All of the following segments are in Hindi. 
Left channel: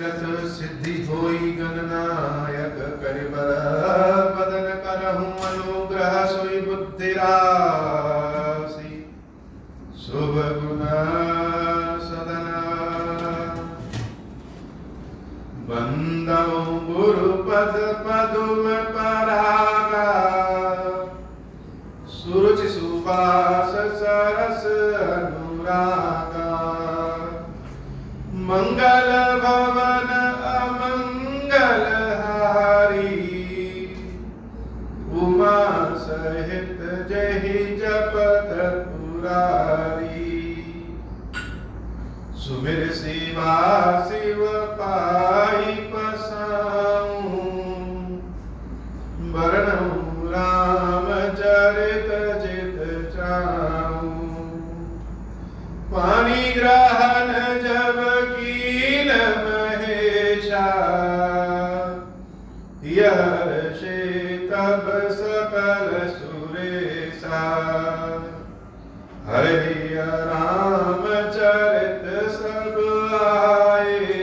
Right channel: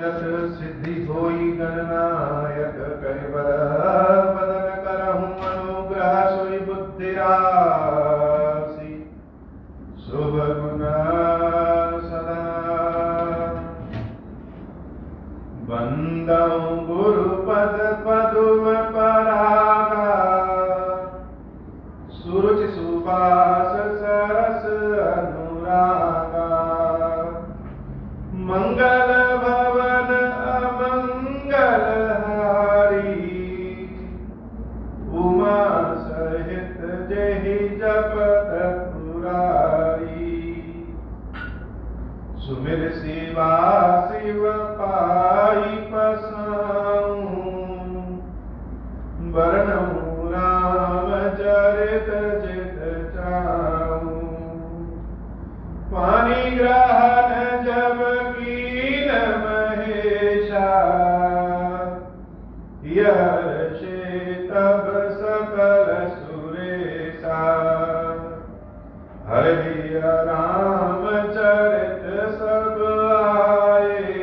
रथ सिद्धि होई गणनायक करिबर बदन करहु अनुग्रह सोई बुद्धि राशि शुभ गुण सदन बंदौ गुरु पद पदुम परागा सुरुचि सुबास सरस अनुरागा मंगल भवन अमंगल हारी उमा सहित जहि जपत पुरारी सुमिर शिवा शिव पाई पसाऊं बरनऊं राम चरित जित चाऊं पानी ग्रहण जब कीन महेशा यर्षे तब सकल सुरेशा हरि राम चरित सब आए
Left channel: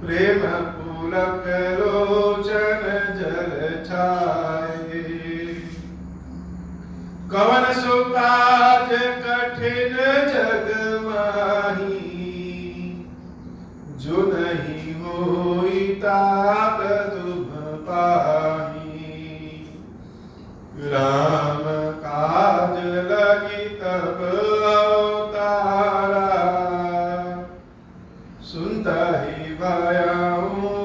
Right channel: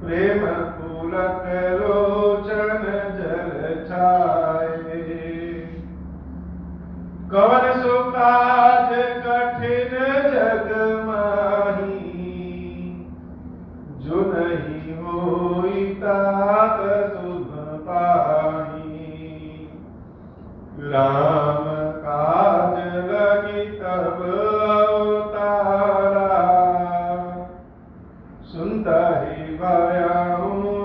प्रेम पुलक लोचन जल छाए कवन सो काज कठिन जग माही जो नहीं होई तात तुम पाही राम काज लगी तब अवतारा सुनता ही भयाऊं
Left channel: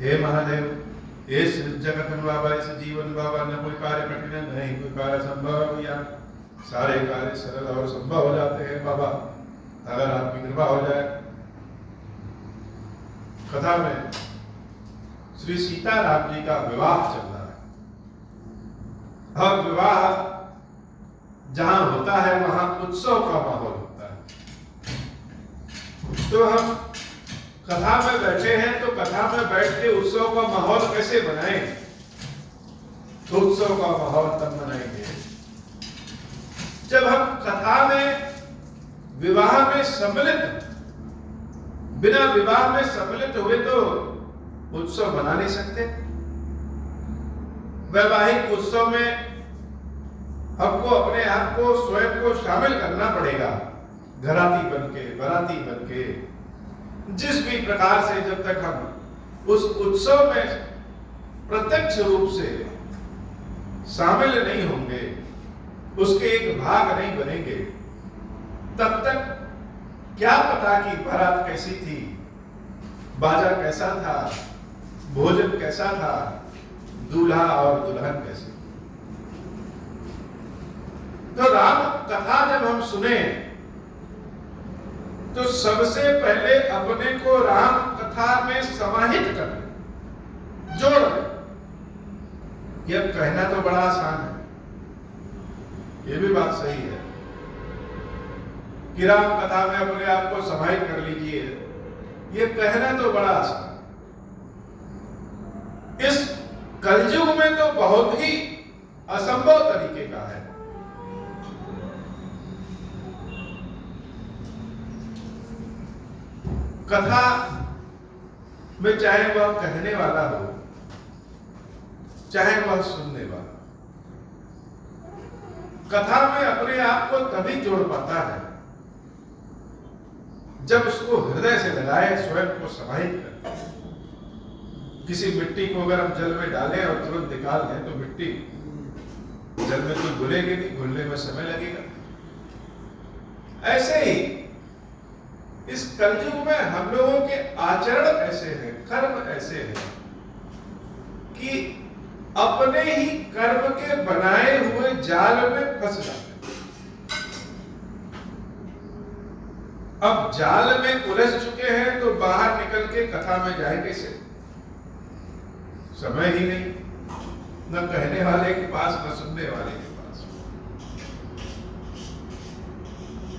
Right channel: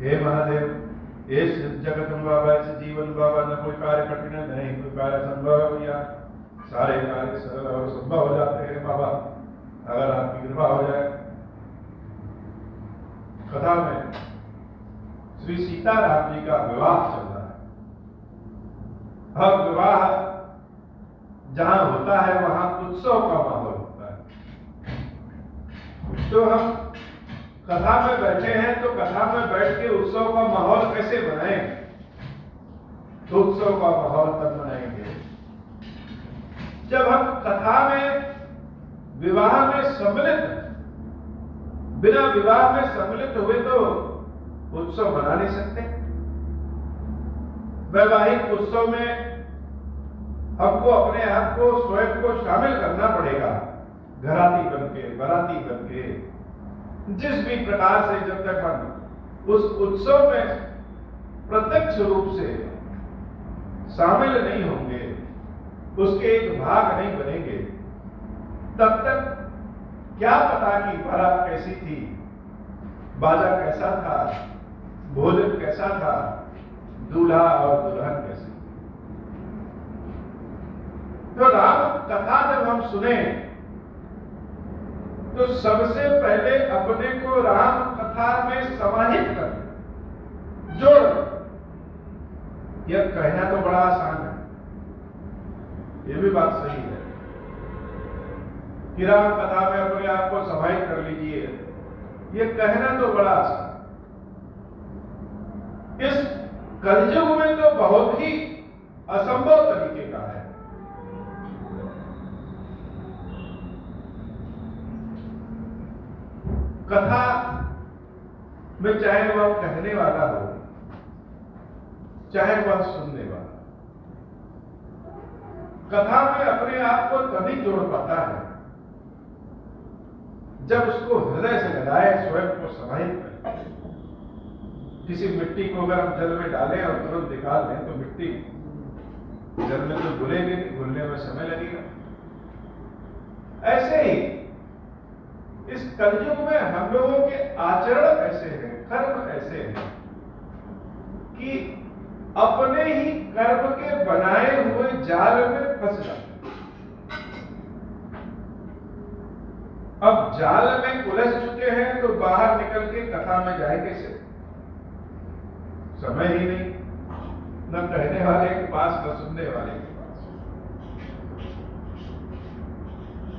हे महादेव इस जगत में बाबा इस जीवन बाबा न कोई कार्य कठिन है नहीं कोई कार्य संभव है भैया सारे कार्य सरल और संभव हो जाते हैं बाबा अगर आपकी कृपा हो जाए। कथा में श्री सीताराम जी का विवाह चल रहा है। अब विवाह जहां होता है वहां उत्सव का माहौल होता है। तो हम कथा में बैठे हैं तो कथा में बैठ के उत्सव का माहौल कैसे बनाएं? तो उत्सव का माहौल तब बनाएंगे जब हम कथा में विवाह में सम्मिलित बिना विवाह में सम्मिलित हुए तो उत्सव बना नहीं सकते। वैवाहिक उत्सव में हमको अपने आप को स्वयं को शामिल करना पड़ेगा घराती बनके बाराती बनके जिस भी प्रकार से जब तक हम उस उत्सव में प्रत्यक्ष रूप से शामिल नहीं होंगे उसके एक भाग नहीं बनेंगे तब तक क्या पता कि बारात कैसी थी बाजा कैसा था भोजन कैसा था दूल्हा और दुल्हन कैसी। तो राम कथा जब हम सुने तो सबसे पहले अपने को राम कथा में समाहित कर ले जोड़ ले। यह कहना तो बड़ा आसान है यह भी बात सही है कि राम कथा में अपने आप को समाहित कर लीजिए यह कहना तो बड़ा आसान। इस कलयुग में तो बहुत ही असंभव तरीके का है। कथा में चाहे वह कहने वाला हो चाहे वह सुनने वाला कथा में अपने आप को तभी जोड़ पाता है जब उसको हृदय से लगाए स्वयं को समाहित करे। किसी मिट्टी को अगर हम जल में डालें और तुरंत निकाल लें तो मिट्टी जल में तो घुलेगी नहीं घुलने में समय लगेगा। ऐसे ही इस कलयुग में हम लोगों के आचरण ऐसे हैं कर्म ऐसे हैं कि अपने ही कर्म के बनाए हुए जाल में फंस जाते हैं। अब जाल में उलझ चुके हैं तो बाहर निकल के कथा में जाए कैसे? समय ही नहीं न कहने वाले के पास न सुनने वाले के पास।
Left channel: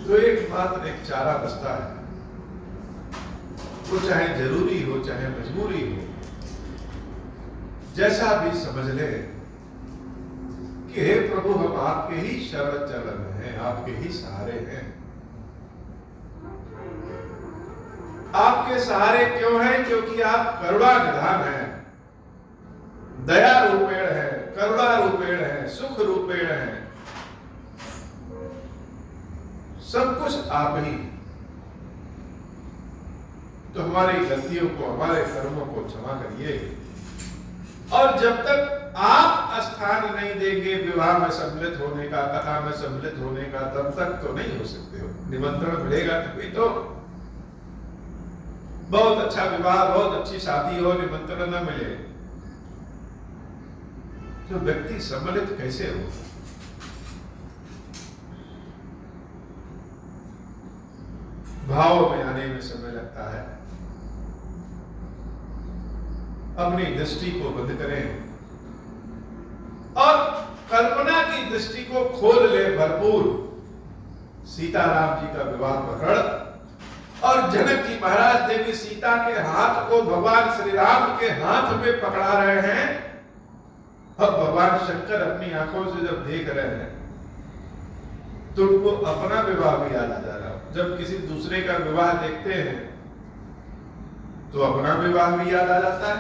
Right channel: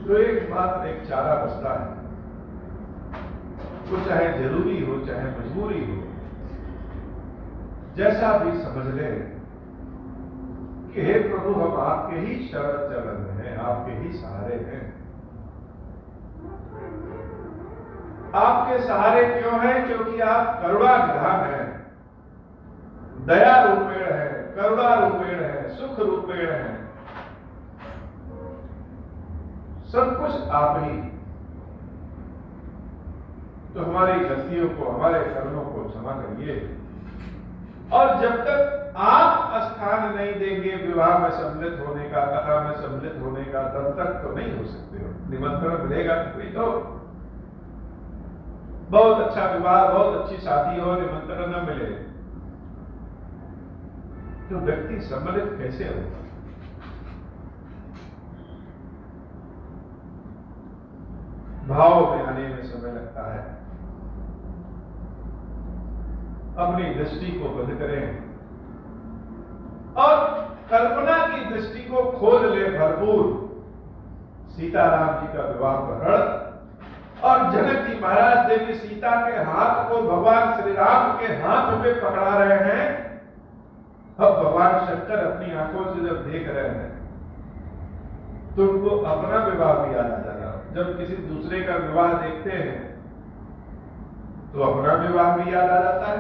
तो एक मात्र एक चारा बचता है वो चाहे जरूरी हो चाहे मजबूरी हो जैसा भी समझ ले कि हे प्रभु हम आपके ही शरण चरण हैं आपके ही सहारे हैं। आपके सहारे क्यों हैं? क्योंकि आप करुणा निधान हैं, दया रूपेण है, करुणा रूपेण है, सुख रूपेण है, सब कुछ आप ही। तो हमारी गलतियों को, हमारे कर्मों को क्षमा करिए। और जब तक आप स्थान नहीं देंगे विवाह में सम्मिलित होने का, कथा में सम्मिलित होने का, तब तक तो नहीं हो सकते हो। निमंत्रण मिलेगा कोई तो बहुत अच्छा विवाह, बहुत अच्छी शादी हो, निमंत्रण न मिले तो व्यक्ति सम्मिलित कैसे होगा? भाव में आने में समय लगता है। अपनी दृष्टि को बंद करें और कल्पना की दृष्टि को खोल ले भरपूर। सीताराम जी का विवाह प्रकरण और जनक जी महाराज देवी सीता के हाथ को भगवान श्री राम के हाथ में पकड़ा रहे हैं। अब भगवान शंकर अपनी आंखों से जब देख रहे हैं तो उनको अपना विवाह भी याद आ जा रहा है। जब किसी दूसरे का विवाह देखते हैं तो अपना विवाह भी याद आ जाता है।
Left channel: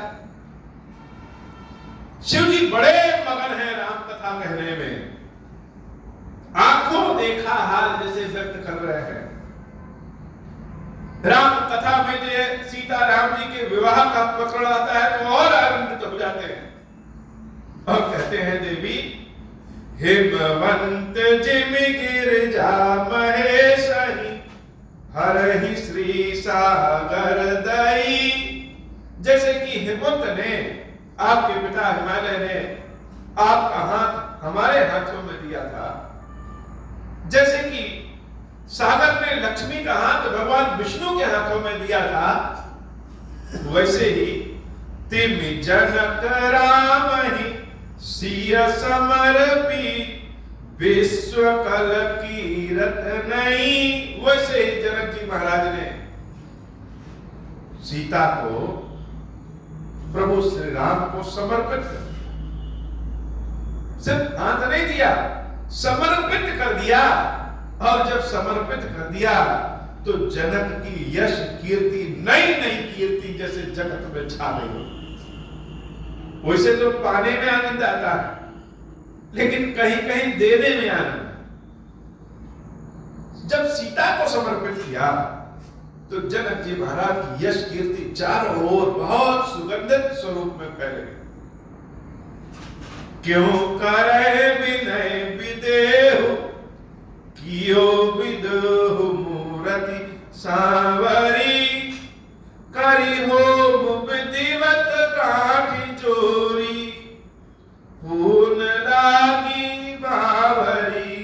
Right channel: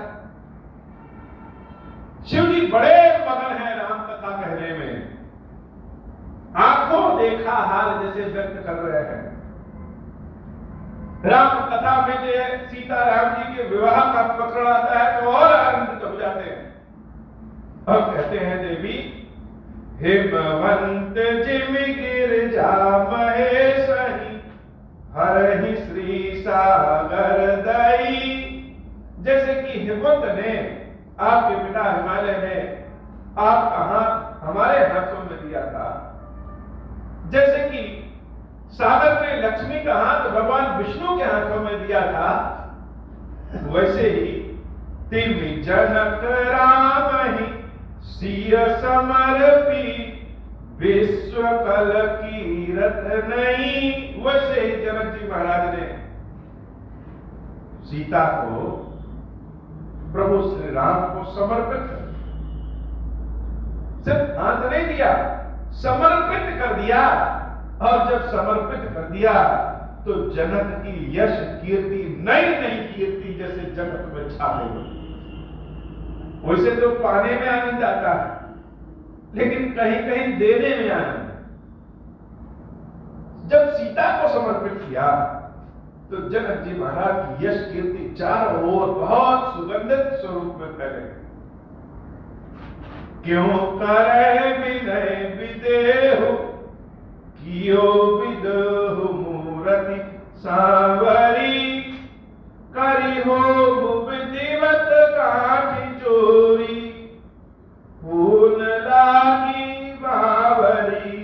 शिव जी बड़े मगन हैं राम कथा कहने में, आंखों देखा हाल जैसे व्यक्त कर रहे हैं। राम कथा में जो सीता राम जी के विवाह का प्रकरण आता है तो और आनंदित हो जाते हैं और कहते हैं देवी हिमवंत जिम गिरिजा महेश हरहि श्री सागर दई। जैसे कि हिमवंत ने, आपके पिता हिमालय ने आपका हाथ हमारे हाथों में दिया था, जैसे कि सागर में लक्ष्मी का हाथ भगवान विष्णु के हाथों में दिया था, वैसे ही तिम जनक राम ही सिय समर्पी विश्व कल कीरत नहीं। वैसे ही जनक जी महाराज ने सीता को, प्रभु श्री राम को समर्पित कर दिया। सिर्फ हाथ नहीं दिया, समर्पित कर दिया। और जब समर्पित कर दिया तो जनक की यश कीर्ति, नई नई कीर्ति जैसे जगत में छा गई। वैसे तो पाने में आनंद आता है, लेकिन कहीं कहीं देने में आनंद। जब सीता को समर्पित किया तो जनक जी महाराज की यश कीर्ति चारों ओर बहुत सुगंधित स्वरूप में फैले गई। क्यों करे विनय विदेहु कियो विदहु मूरति सांवरी करी हो विधिवत काठी चोरी पूर्ण लागी बावरी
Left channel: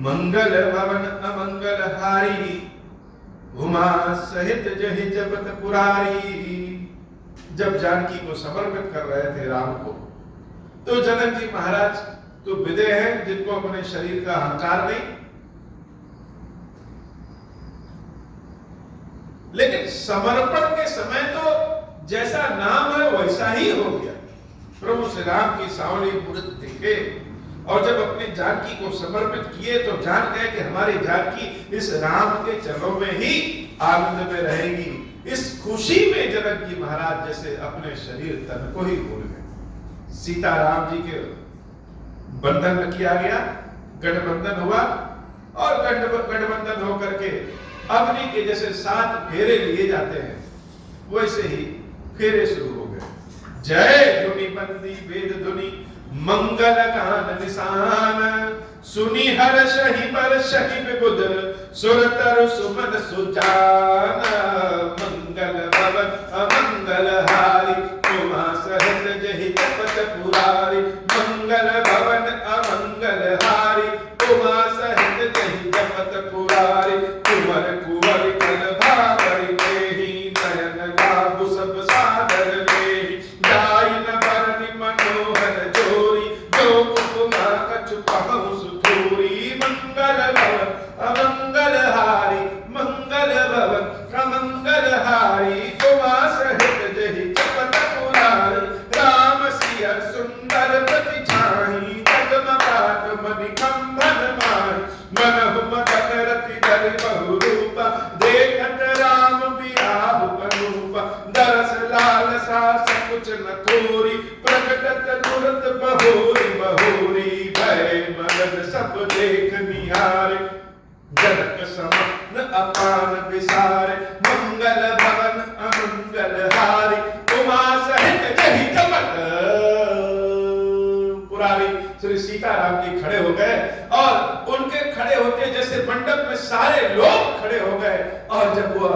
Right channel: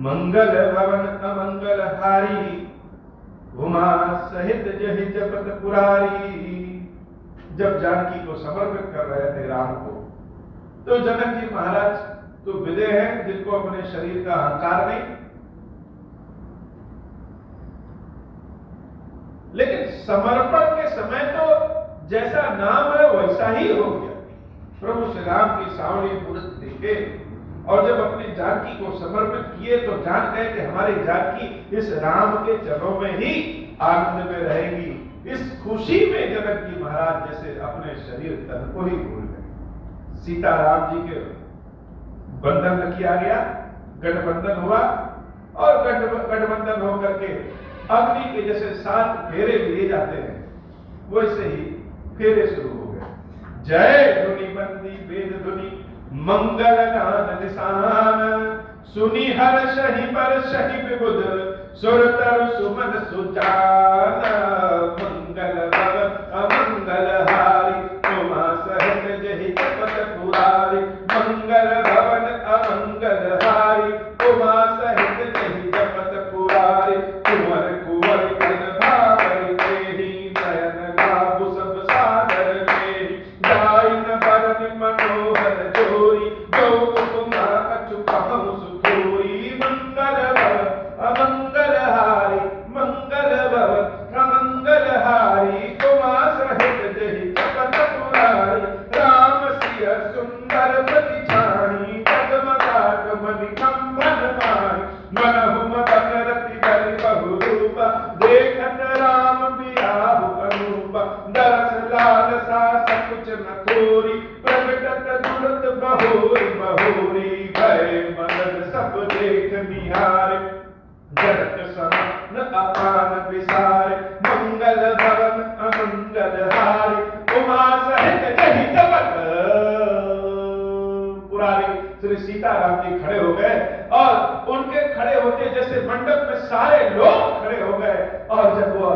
मंगल भवन अमंगल हारी उमा सहित जहि जपत पुरारी। जब जानकी को समर्पित कर रहे थे राम को, तो जनक जी महाराज तो विदे हैं जिनको अपने शरीर का अहंकार नहीं, लेकिन समर्पण के समय तो जैसा नाम है वैसा ही हो गया। प्रभु श्री राम की सांवली मूर्ति देखे और जब अपनी जानकी को समर्पित किए तो जान गए कि हमारी जानकी इस राम के चरणों में ही आनंद में रहेगी। इस खुशी में जनक जी महाराज जैसे अपने शरीर तन को ही भूल गए। सीता राम जी के बंधन में किया गया, गठबंधन हुआ और गठबंधन होकर के अग्नि के जैसे 7 फेरे लिए जाते हैं, वैसे ही फेरे शुरू हो गए। जय धुनि बंदी वेद धुनि मंगल गान निशान सुनि हर्षहि परषहि विबुध सुर तरु सुमन सुजान मंगल भवन अमंगल हारी उमा सहित जहि जपत पुरारी मंगल भवन अमंगल हारी उमा सहित जहि जपत पुरारी कुंवर कुंवर कल भावरी केहि नयन लाभु सब सागर लेहि जाई न बरनि मनोहर जोरी जो उपमा कछु कहु सुधोरी मंगल भवन अमंगल हारी मंगल भवन अमंगल हारी उमा सहित जहि मनहु मदन रति धरि बहु रूप देखत राम बिराहु अनूप दरस लालसा सकुच न थोरी प्रकटत तुरत बहोरी बहोरी भय मगन सब देख निहारे जनक समान अपान विसारे मंगल भवन अमंगल हारी उमा सहित जहि जपत पुरारी। श्री सीताराम जी खड़े हो गए और उनके खड़े होते जैसे मंडप में सारे लोग खड़े हो गए और जब वो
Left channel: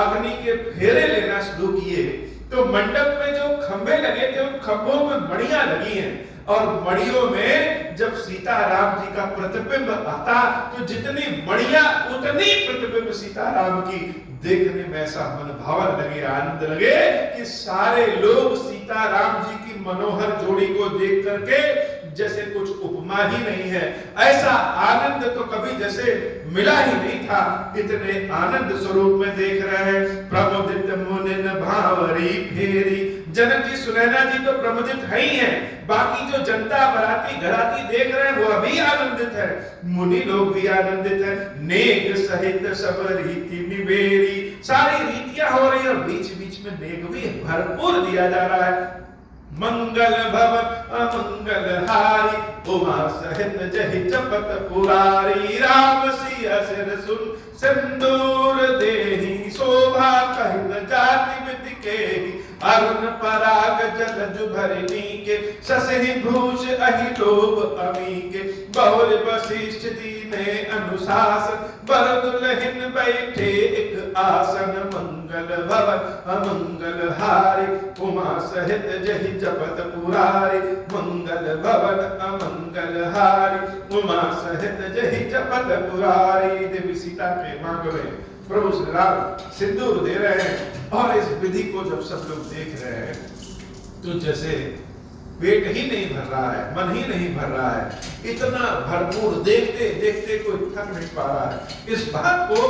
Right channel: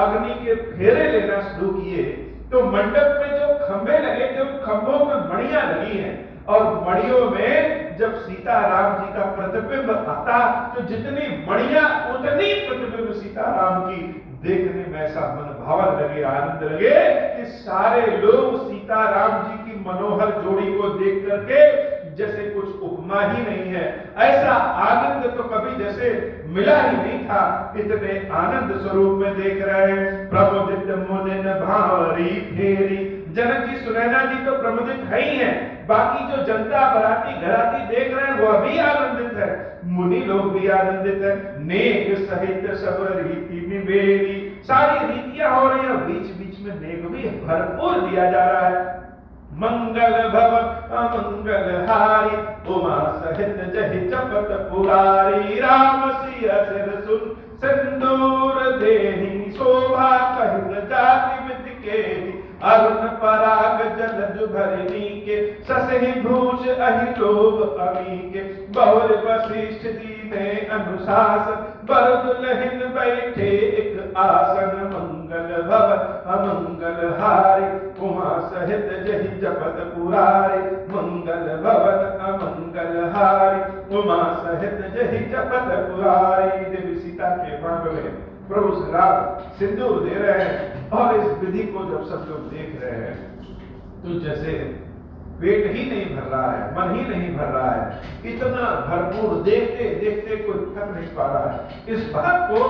अग्नि के फेरे लेना शुरू किए तो मंडप में जो खंभे लगे थे उन खंभों में मणियां लगी हैं और मणियों में जब सीताराम जी का प्रतिबिंब आता तो जितनी मणियां उतनी प्रतिबिंब सीताराम की देखने में ऐसा मन भावन लगे, आनंद लगे कि सारे लोग सीताराम जी की मनोहर जोड़ी को देख करके जैसे कुछ उपमा ही नहीं है, ऐसा आनंद तो कभी जैसे मिला ही नहीं था, इतने आनंद स्वरूप में देख रहे हैं। प्रमुदित मुनिन भावरी फेरी, जनक जी सुनैना जी तो प्रमुदित है ही हैं, बाकी जो जनता बराती घराती देख रहे हैं वो अभी आनंदित है, मुनि लोग भी आनंदित है। नेक सहित सब रीति निवेरी, सारी रीतियां हो रही है और बीच बीच में नेक भी भरपूर दिया जा रहा है। मंगल भवन अमंगल हारी उमा सहित जहि जपत पुरारी राम सिया सिर सुन सिंदूर देहि शोभा कहि जाति विधि के अरुण पराग जलज भरनी के ससहि भूष अहि लोभ अमी के बहुल वशिष्ठ दीने अनुशासन बर दुल्हन बैठे एक आसन मंगल भवन अमंगल हारी उमा सहित जहि जपत पुरारी मंगल भवन अमंगल हारी उमा सहित जहि जपत पुरारी। देवी सीता के मांग में प्रभु श्री राम सिंदूर दे रहे हैं और इस विधि को जब सब लोग देख रहे हैं तो जैसे पेट ही नहीं भर रहा है, मन ही नहीं भर रहा है, इतना भरपूर देखते देखते कोई थक नहीं पा रहा है। इस बात को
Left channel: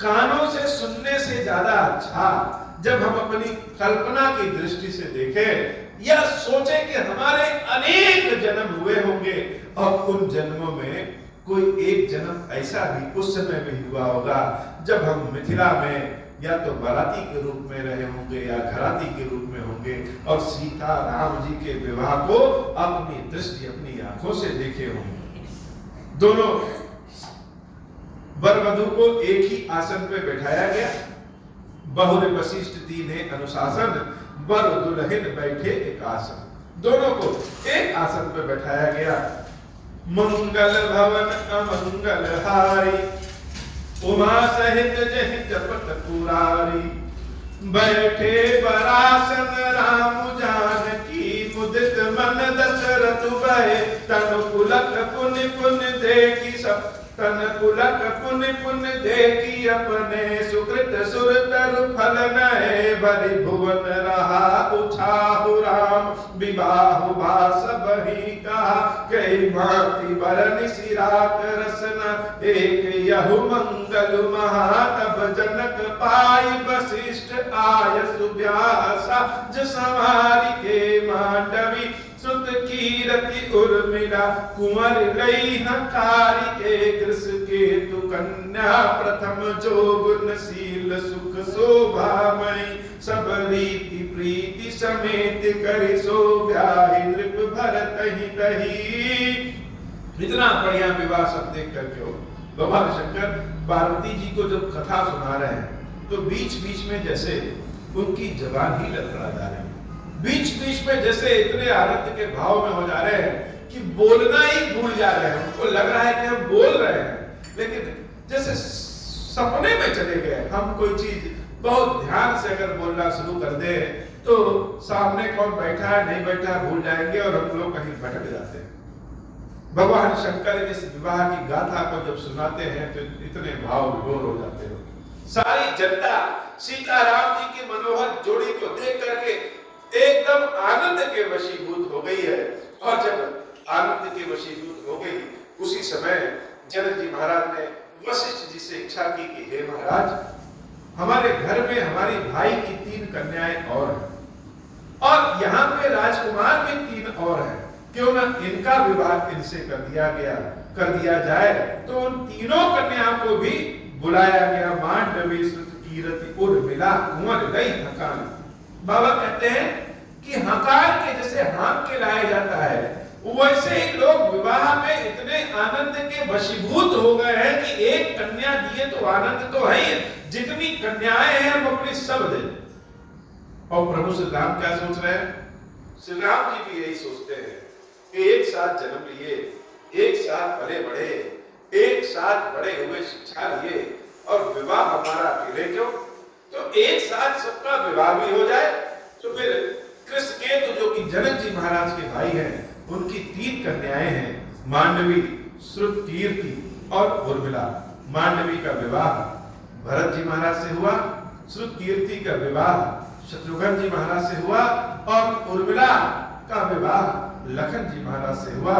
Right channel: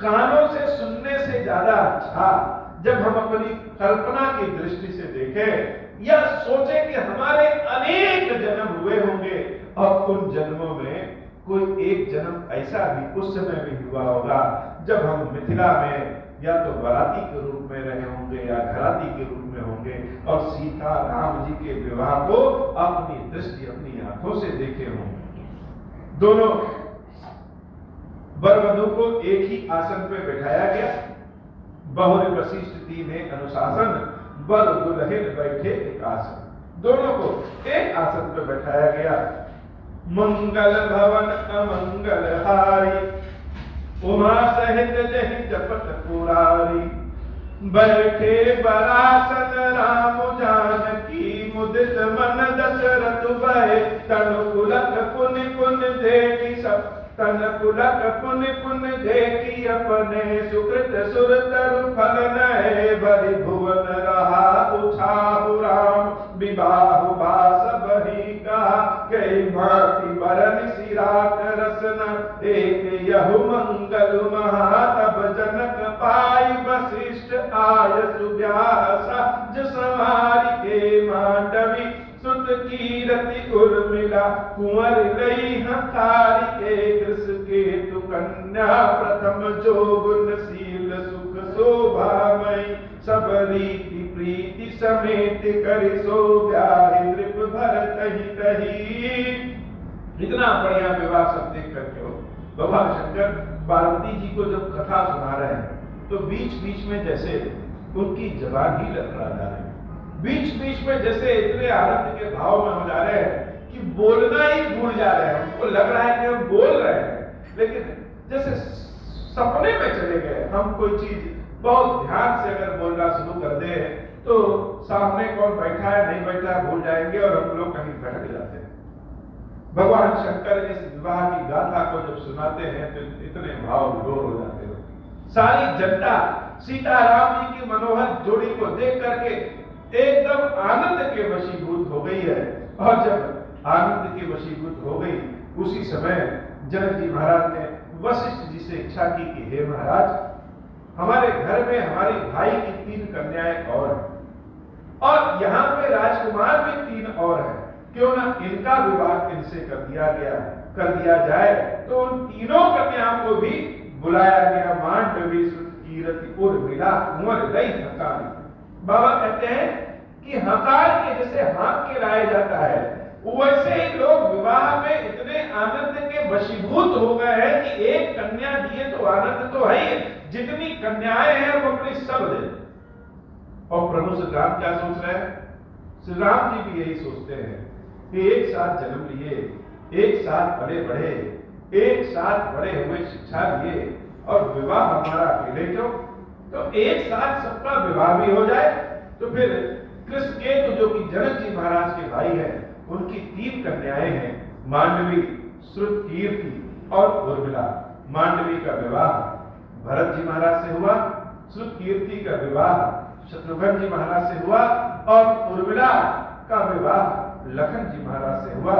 कानों से सुनने से ज्यादा अच्छा जब हम अपनी कल्पना की दृष्टि से देखें या सोचें कि हमारे अनेक जन्म हुए होंगे और उन जन्मों में कोई एक जन्म ऐसा भी उस समय भी हुआ होगा जब हम मिथिला में या तो बाराती के रूप में रहे होंगे या घराती के रूप में होंगे और सीता राम जी के विवाह को अपनी दृष्टि अपनी आंखों से देखे होंगे। दोनों वर वधू को एक ही आसन पे बैठाया गया, बहुल वशिष्ठ दीने अनुशासन वर दुल्हन बैठे एक आसन, दोनों को एक आसन पे बैठाया गया। मंगल भवन अमंगल हारी उमा सहित जहि जपत पुरारी बैठे बरासन राम जानकी मुदित मन दशरथ भय तनु पुलक पुनि पुनि देखी सब तन पुलक पुनि पुनि देखी अपने सुकृत सुर तरु फल नए भरि भुवन रहा उछाहु राम विवाह भास बही कहा कई भांति बरनि सिरात रसन एक यहु मंगल महा तब जनक पाई वशिष्ठ आय सुव्यासा जसवारी के मांडवी सुत कीरति उर्मिला कुंवर लई हकारी के कृष के तु कन्या प्रथम जो गुणशील सुख शोभामयी सब रीति प्रीति समेत करि सो ब्याहि नृप भरत ही दही। इतना बढ़िया विवाह सब देख करके हो भगवान शंकर पार्वती जी को जब कथा सुना रहे हैं तो बीच बीच में जैसे उनकी जबान ही लड़खड़ा जा रही है, बीच बीच में जैसे इतने आनंद के भाव में हो जा रहे हैं कि बोलना ही भूल जा रहे हैं। उनको लग रहा है कि हम बोल रहे हैं लेकिन जैसे सपने में चले गए। हम कोई चीज बहुत ध्यान से अगर बोलना शुरू कर दे तो सामने कौन बैठा है नहीं बैठा है भूल जाएंगे और हम लोग कहीं भटक जाते हैं। भगवान शंकर इस विवाह की गाथा को जब सुनाते हैं तो इतने भाव विभोर हो जाते हो। सारी जनता सीताराम जी की मनोहर जोड़ी को देख करके एकदम आनंद के वशीभूत हो गई है और जब आनंद के वशीभूत हो गई उसी समय जनक जी महाराज ने वशिष्ठ जी से इच्छा की कि हे महाराज हमारे घर में हमारी भाई की 3 कन्याएं और हैं और यहाँ पे राजकुमार भी 3 और हैं, क्यों ना इनका विवाह इनसे कर दिया गया। कर दिया जाए, तो उन तीनों कन्याओं को भी बुलाया गया। मांडवी श्रुत कीरति उर्मिला कुंवर लई हकार। बाबा कहते हैं कि हकार के जैसे हाँक के लाया जाता है, वैसे ही लोग विवाह में इतने आनंद के वशीभूत हो गए हैं कि एक कन्या दिए तो आनंद तो है ही, जितनी कन्याएं हैं वो अपनी सब दे। और प्रभु श्री राम क्या सोच रहे हैं? श्री राम जी भी यही सोचते हैं कि एक साथ जन्म लिए, एक साथ पले बढ़े, एक साथ बड़े हुए, शिक्षा लिए, और विवाह हमारा अकेले क्यों? तो एक साथ सबका विवाह भी हो जाए। तो फिर कृष्णकेतु जो कि जनक जी महाराज के भाई हैं, उनकी 3 कन्याएं हैं, मांडवी, श्रुत कीर्ति और उर्मिला। मांडवी का विवाह भरत जी महाराज से हुआ, श्रुत कीर्ति का विवाह शत्रुघ्न जी महाराज से हुआ, और उर्मिला का विवाह लखन जी महाराज से हुआ।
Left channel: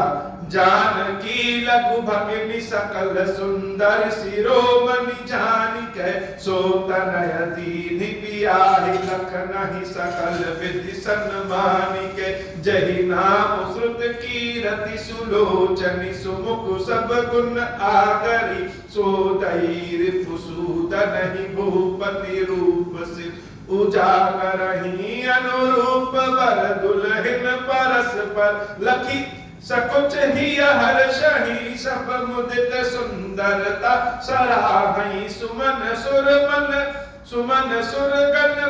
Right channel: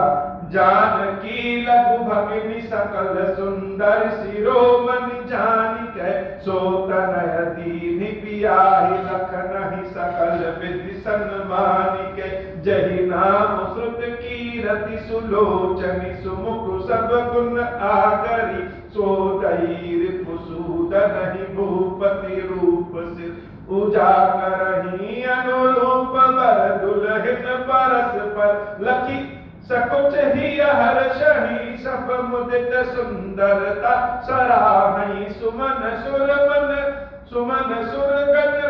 जानकी लघु भगिनी सकल सुंदर शिरोमणि जानिके, सोतनय दीनि बियाहि लखनहि सकल विधि सन्मानिके। जहि नाम श्रुत कीरति सुलोचनि, सुमुख सब गुण आगरी, सोदयि रिपुसूदनहि भूपति रूप सिर उजागरहि। अनुरूप वर दुल्हन परस पर लखी, सकुच ही हर्षहि, सब मुदित सुंदरता सराहहि। सुमन सुरगन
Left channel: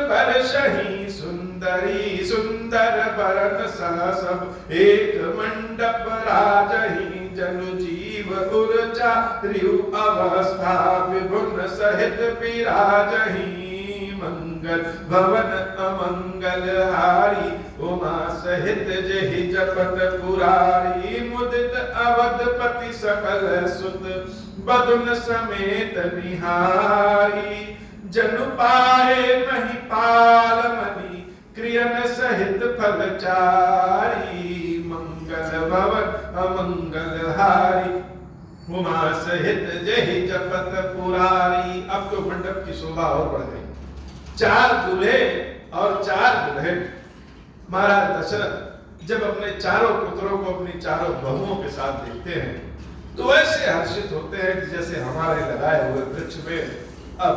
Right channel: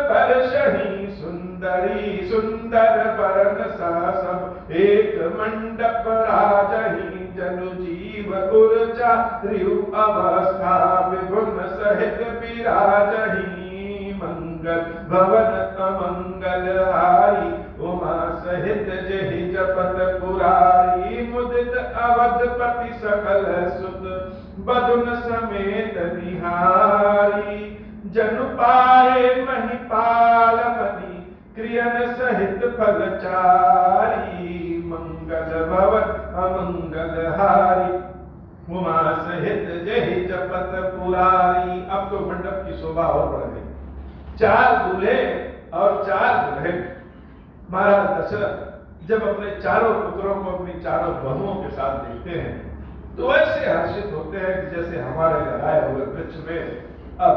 वर्षहि, सुंदरी सुंदर वरन सह सब एक मंडप राजहि। जनु जीव गुरचा रियु अवस्था, विभुन सहित विराजहि। मंगल भवन अमंगल हारी, उमा सहित जहि जपत पुरारी। मुदित अवधपति सकल सुत, बदुन समेत निहारी। जनु पाए महिपाल मणि, क्रियन सहित फलचारी। मंगल भवन अमंगल हारी, उमा सहित जहि जपत पुरारी। अब तो मंडप की शोभा और बढ़ गई। 4 दूल्हे और 4 दुल्हन। महाराज दशरथ जब अपने चारों पुत्रों को अपनी चारों बहुओं के साथ देखते हैं तो ऐसे हर्षित होते हैं कि जैसे हमारे लगाए हुए वृक्ष में अब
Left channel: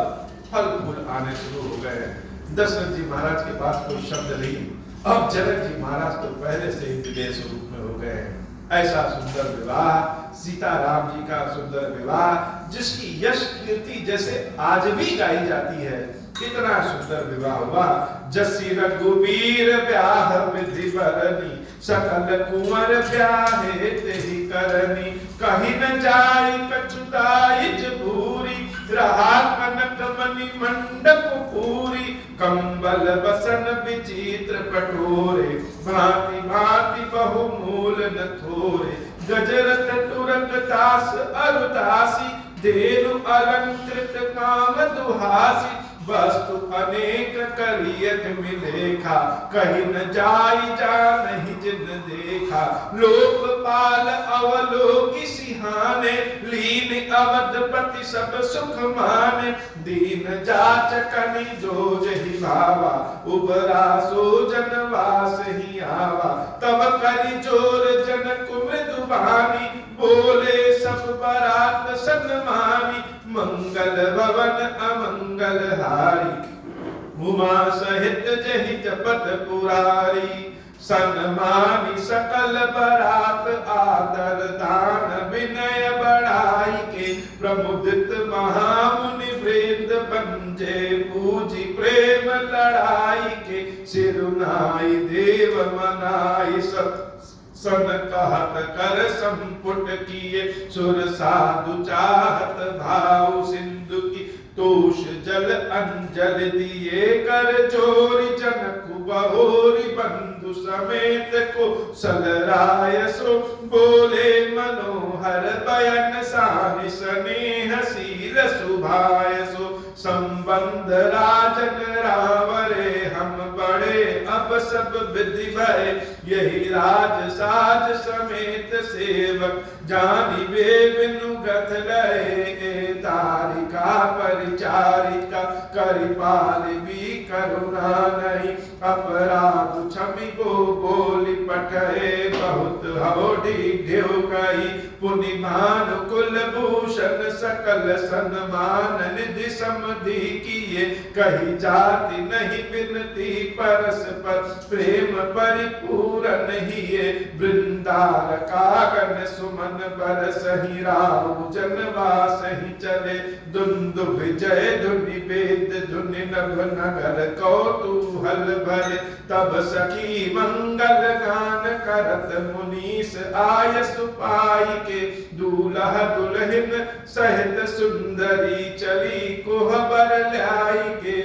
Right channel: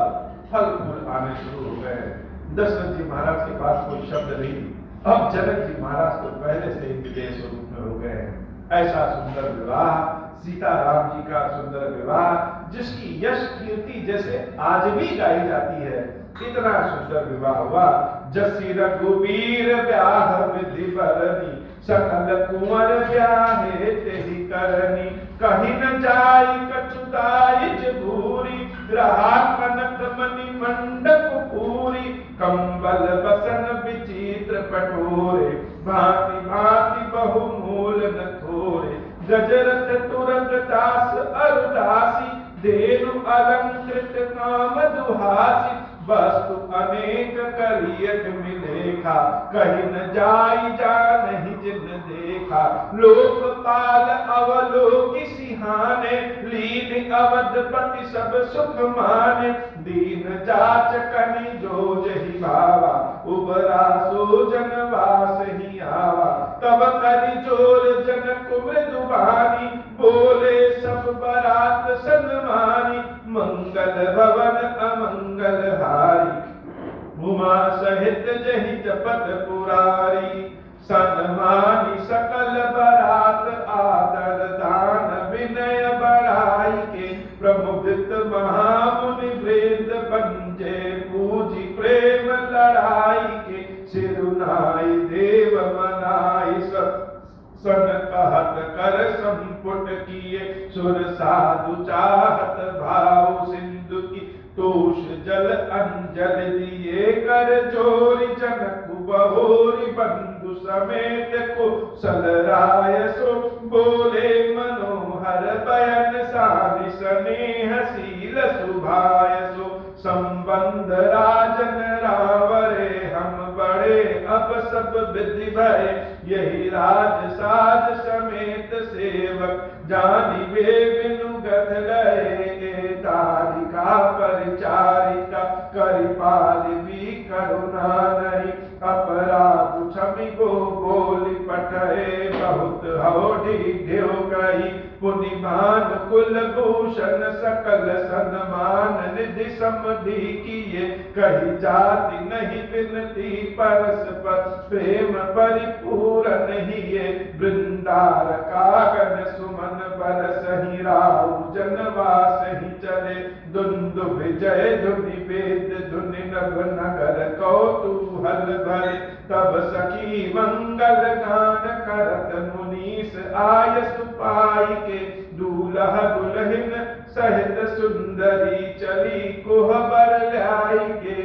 फल फूल आने शुरू हो गए हैं। दशरथ जी महाराज के पास कोई शब्द नहीं, अब जनक जी महाराज तो पहले से ही विदेश रूप में हो गए हैं। ऐसा सुंदर विवाह, सीता राम जी का सुंदर विवाह, जिसकी यश कीर्ति जैसे आज भी गाई जाती है, इतना सुंदर विवाह हुआ। जसी रघुवीर ब्याह विधि बरनी, सकल कुंवर ब्याहे तेहि करनी। कहीं न जाई कछुदाइज भूरी, रहा कनक मणि मंडप पूरी। कंबल बसन विचित्र पटोरे, भांति भांति बहुमूल न थोरे। गजरत तुरक दास अरुदासी, धेनु अलंकृत काम दुहासी। वस्तु अनेक करियत मिलेखा, कहीं न जाई जा नहीं जिन देखा। लोकपाल अवलोकि सिहाने, लीन अवधपति सब सुख माने। दीन जाचकनि जो जहि भावा, उबरा सो जनवास ही आवा। तब करि जोर जनक मृदुबानी, बोले सब बरात सन्मानी। मंगल भवन अमंगल हारी, उमा सहित जहि जपत पुरारी। सन्मानी सकल बरात, आदर दान विनय बढ़ाई के। प्रमुदित महामुनि वृंद बंजे, पूजी प्रेम लड़ाई के। सिरुनाई देव मनाई सब, सन कहत कर संपुट किए। सुर साधु चाहत भाव सिंधु की, तोष जल अंजल दिए कर जोरी। जनक बहोरी बंधु समेत को सलराय सो, बोले मनोहर बयन सानि स्नेह शील सुभाय सो। संबंध राजन रावरे हम बड़े, अब सब विधि भय। यही राज साज समेत सेवक, जानिबे बिनु गथ गए। तारिका परिचारिका, करिपाल भी करुणा नहीं। अपराध क्षमि को बोली पठे, बहुत भवोढि देव कही पुनि मान कुल भूषण सकल सन्मान निधि समधि किए कही जाति नहीं बिनती परस्पर प्रेम परिपूरन हिये वृंदार कागन सुमन बरसहि राहु जनवास ही चले दुंदुभ जय धुनि वेद धुनि नभ नगर कौतूहल भरे तब सखी मंगल गान करत मुनीस आय सुपाई के दूल्हा दुल्हन सहित सुंदरी चली कोहबर लाई के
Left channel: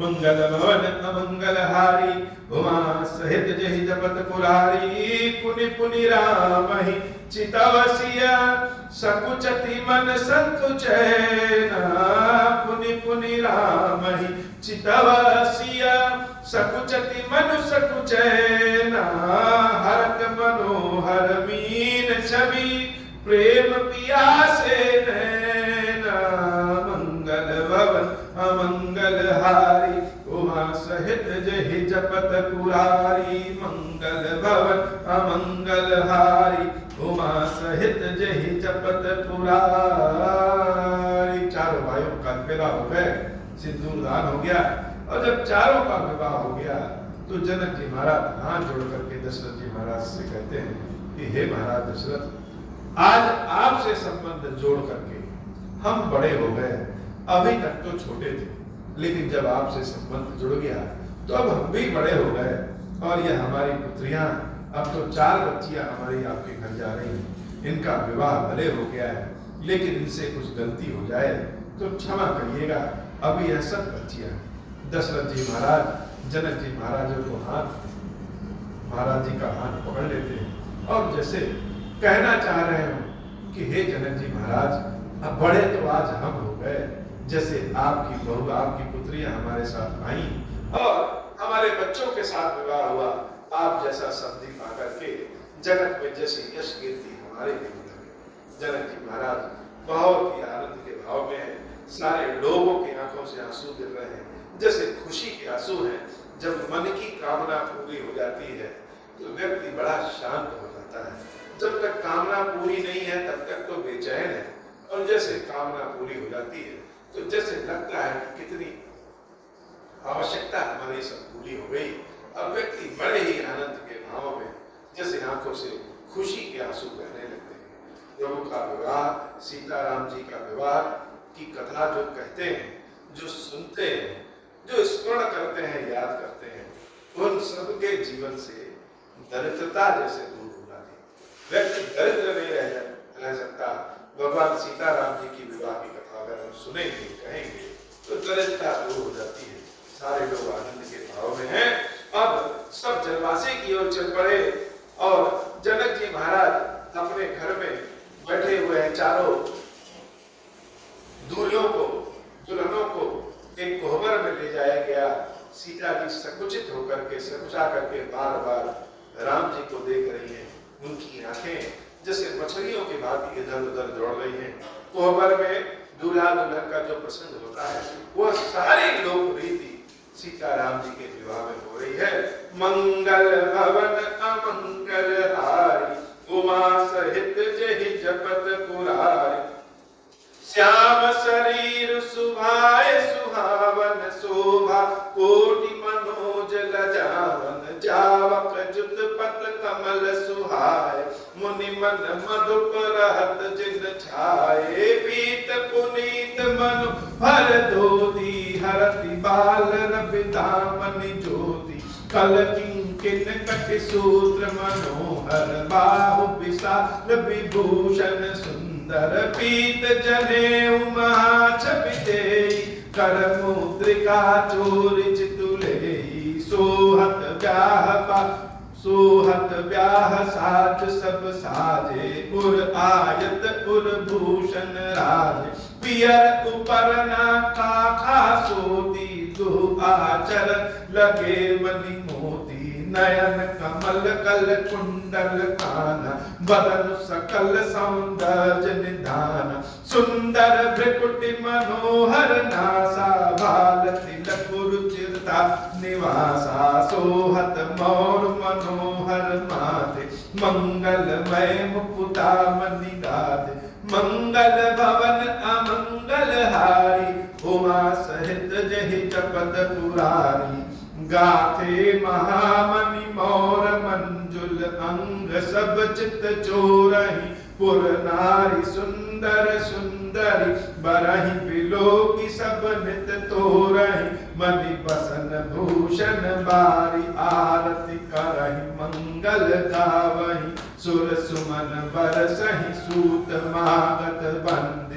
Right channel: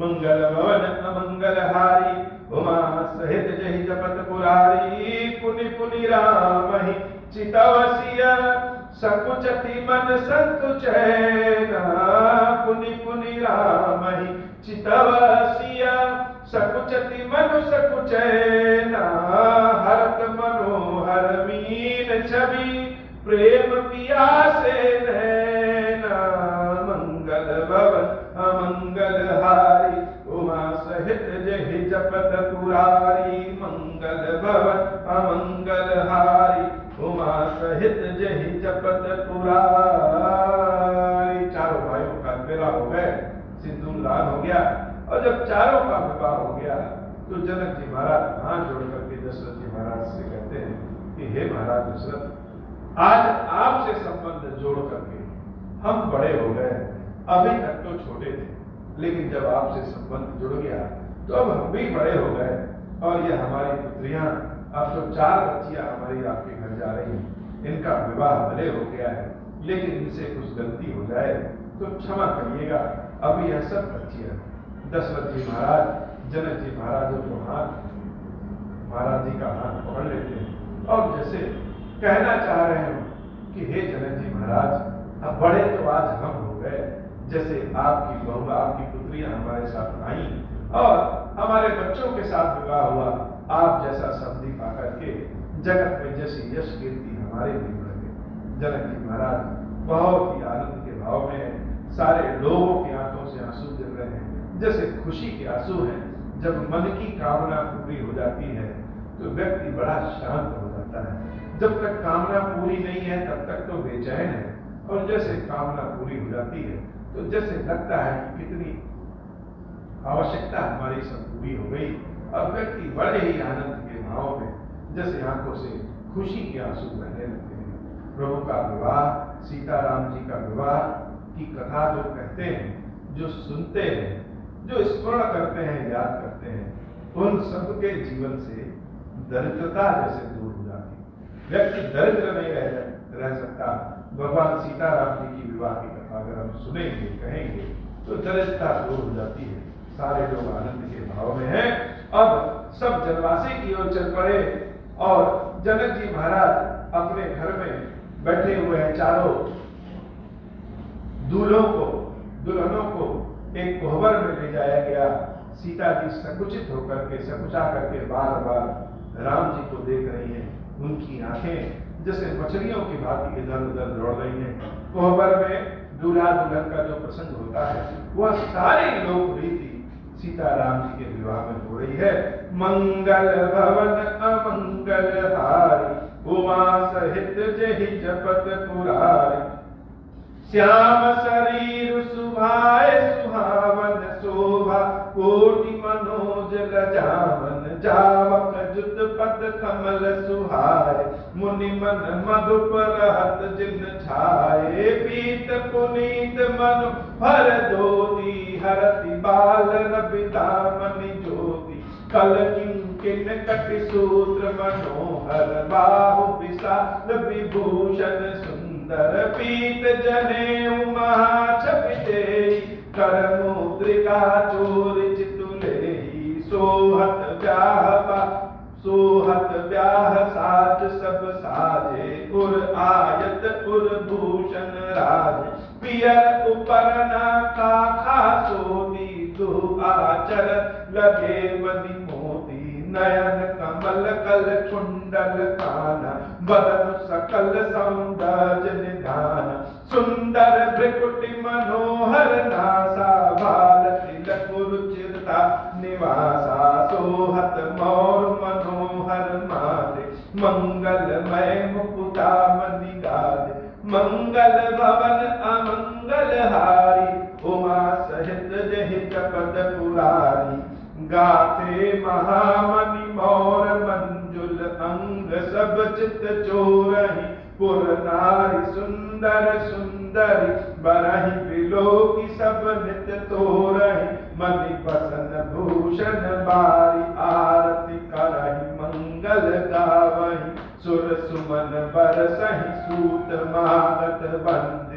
मंगल भवन अमंगल हारी उमा सहित जहि जपत पुरारी पुनि पुनि राम ही चितवसिया सकुचति मन संतुचैना पुनि पुनि राम ही चितवसिया सकुचति मन सकुचैना हरत मनोहर मीन छवि प्रेम पियासे नैना मंगल भवन अमंगल हारी उमा सहित जहि जपत पुरारी मंगल भवन अमंगल हारी उमा सहित जहि जपत पुरारी। चारों भाइयों का विवाह हो गए, सिंदूर दान हो गया, और जब चारों का विवाह हो गया तो जनक जी महाराज हाथ जोड़ करके दशरथ जी महाराज से कहते हैं कि हे महाराज दशरथ, आज आपसे संबंध जोड़ करके हम बड़े हो गए, अभी तक तो छोटे थे, लेकिन जब आपसे संबंध जुड़ गया तो अब हम भी बड़े हो गए, और ये हमारी पुत्रियां अब तो 4 बच्चियां हमारी आपके घर जा रही हैं, इनका विवाह भले हो गया है, लेकिन इनसे कुछ गलती हो जाए तो क्षमा करिएगा, अभी यह सब बच्चियां। दशरथ जी महाराज जनक जी महाराज को महाराज जी का हाथ पकड़ लेते हैं और जैसे कहना चाह रहे हो कि हे जनक जी महाराज, अब बड़े तो आज हम हो गए, जैसे आपकी बहू आपकी पुत्रियां हमारे साथ आई और हमारे बच्चों के साथ विवाह हुआ, आप जैसा सब्जी पा करके जगत में जैसे यश कीर्ति हमारे भी बढ़ गए। जनक जी महाराज बहुत ही आनंद के भाव में, सारे लोगों की आंखों से आंसू गिर रहे हैं, जैसे खुशी के आंसू हैं। जब मन की कामना पूरी हो जाती है तो व्यक्ति बड़ा शांत हो जाता है, जब तक कामना पूरी नहीं है तब तक तो बेचैन है, और जैसे कामना पूरी हो जाती है तो जैसे लगता है कि कितनी आवश्यकता हमारी सब पूरी हो गई, और व्यक्ति बड़े ही आनंद के भाव में जैसे आंखों से खुशी के आंसू बहने लगते हैं। प्रभु का विवाह, सीताराम जी का विवाह की कथा जो कहते हैं, जो सुनते हैं, जो स्मरण करते हैं, याद करते हैं, उन सबके जीवन से दरिद्रता जैसे दूर हो जाती है। व्यक्ति दरिद्र नहीं रह सकता। भगवान सीताराम जी की विवाह की कथा अगर हम सुनेंगे, कहेंगे, तो दरिद्रता दूर हो जाती है। सारे लोग आनंद के भाव में हैं। अब सब जनवासी की ओर चल पड़े और जनक जी महाराज अपने घर में बैठे हुए हैं। चारों दुल्हनों को एक कोहबर में ले जाया गया। सीता जी संकुचित होकर के, संकुचा करके बार बार राम जी को देख रही हैं। उनकी आंखें जैसे मछलियों की भांति इधर उधर दौड़ रही हैं। कोहबर में दूल्हा दुल्हन का जो प्रसंग होता है वह सारी लोक रीति सीताराम जी के विवाह में हो रही है। मंगल भवन अमंगल हारी उमा सहित जहि जपत पुरारी। श्याम शरीर सुभाए सुहावन शोभा कोटि मनोज लजावन। जावक जुत पद कमल सुहाए मुनि मन मधुप रहत जिन छाए। पीत पुनीत मनु भर धोती हरति बाल रवि दामनि ज्योति। कल किंकिन कटि सूत्र मनोहर बाहु विशाल विभूषण सुंदर। पीत जनेऊ महाछपिते कर मुद्रिका चोर चितुलेई। सोहत ब्याह साज सब साजे उर आयत उर भूषण राज। पियर उपरना खाखा सोती दो आचर लगे मणि मोती। नयन कमल कल कुंडल काना बदन सकल सौंदर्य निधान। सुंदर भ्रिकुटि मनोहर नासा बाल तिलक रुचिरता निवासा। सोहत मौर मनोहर माथे मंगलमय मुकुटा मणिगाद मंगल भवन अमंगल हारी उमा सहित जहि जपत पुरारी गाथे महामणि मोर मंजुल अंग सब चित चोरहि पुर नारी सुंदर सुंदरी बरहि बिलो की सब नित तोरहि मणि बसन भूषण बारी आरती करहि मंगल गावहि सुर सुमन बरसहि सूत मागत बंद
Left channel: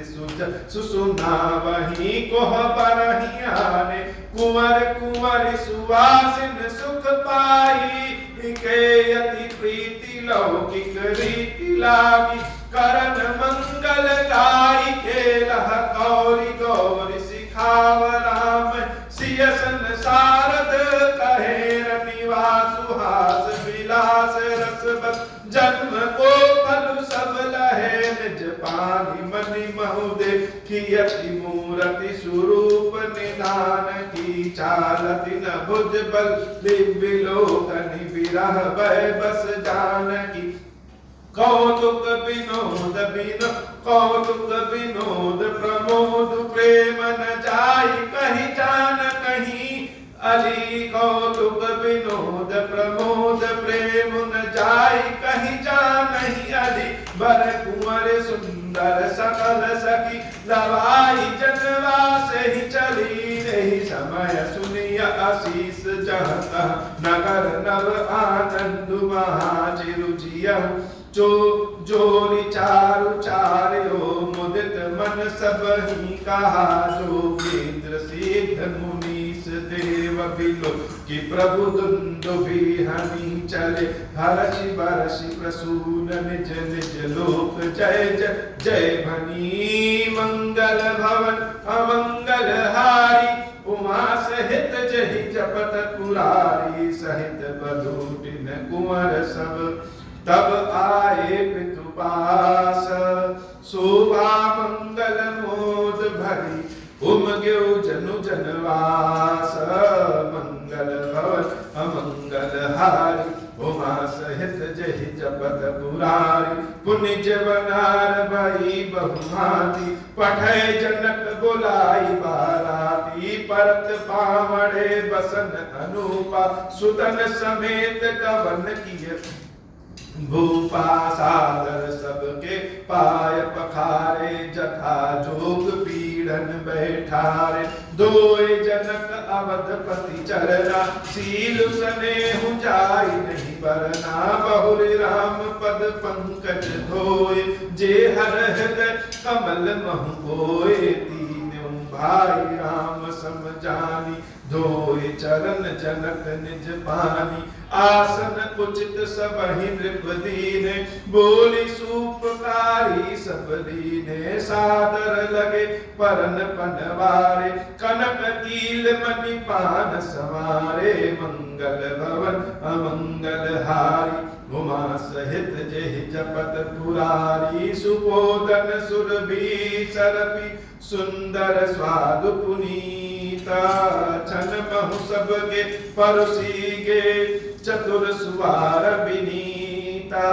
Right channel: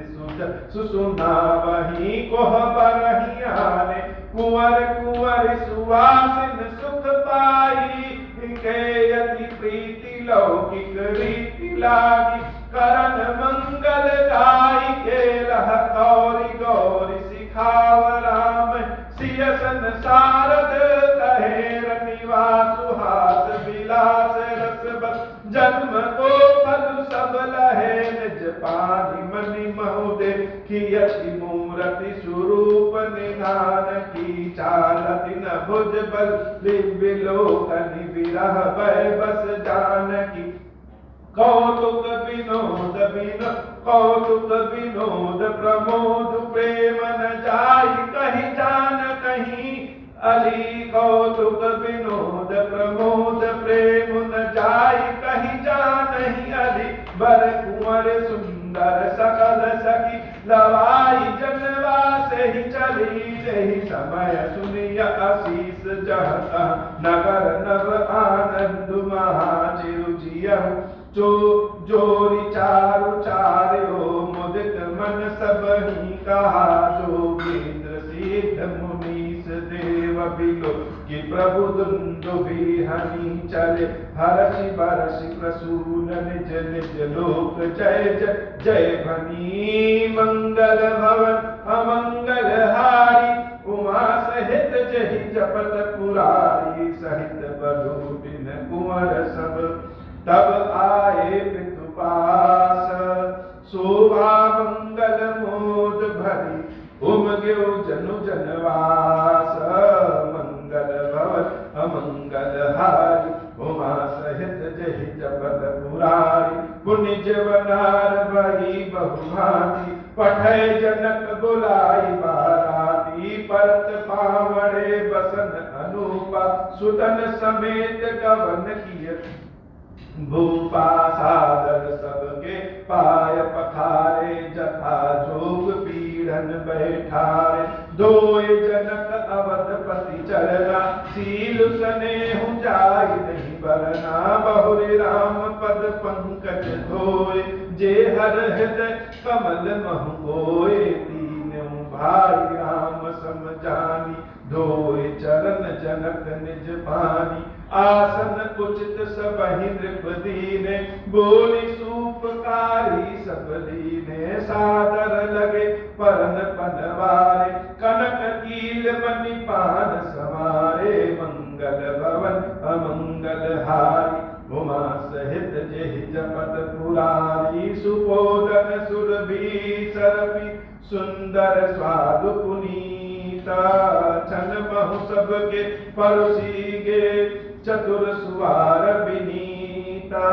सुसुनावहि कोह बरहि आने कुंवर कुंवर सुवासिन सुख पाई के यति प्रीति लौकिक रीति लागी करन मंगल गाई खेलह गौरी गौरी सिखाव राम सिय संसारद कहे निवास सुहास विलास रस बस जन्म को फल सब लहे निज पानी मनि महुदे कियति मूर्ति स्वरूप निधान की चालति न भुज बल दिव्य लोकनि विरह भय बस जानकी कौतुक विनोद कौतुक विनोद प्रमोद प्रेम न जाई कहीं जान कहीं अली कौतुक विनोद प्रमोद प्रेम न जाई कहीं जान नहीं अली बर कुंवर सुंदर सकल सखी लवाई जनवा से ही चली रही समय सुनिय आशीष जहता नगर नव आनंद महाचिरुजियहु जो जोरी चारु चार्यो मुदित मन सब ही कहा जोगेंद्र सिद्ध मुनीष देव बिलो कि प्रभु दुंदुभि हनि चले हर्षि बरषि प्रसून निज निज लोक जय जय जय भनी मंगल भवन अमंगल हारी उमा सहित जहि जपत पुरारी सहित बधूटिन कुंवर सब तब आए पितु पास शोभा मंगल मोद भरी उमग्यो जनु जनवास मंगल भवन अमंगल हारी उमा सहित जहि जपत पुरारी पुण्य जवनार भई बहुभांति पठय जनक बुलाई बाराती परत पावड़े बसन अनुपा सुतन समेत कवन किए भूपा सादर सबके पाय पखारे जथा जोग पीड़न बैठारे दोय जनक अवधपति चरना सील सनेहु जाई नहीं बरना बहुरे राम पद पंकज धोय जे हर हृदय कमल महु कोय तीनों भाई राम समझानी धोय चरण जनक निज पानी आसन उचित सबहि नृप दीने बोली सूपकारी सब दीने सादर लगे परन पनवारे कनक कील मणि पान सवारे मंगल भवन अमंगल हारी उमा सहित जेहि जपत पुरारी सुपोदन सुरभि सरपि सुंदर स्वादु पुनीता छन बहु सबके परुसीगे चतुर सुवार विनीता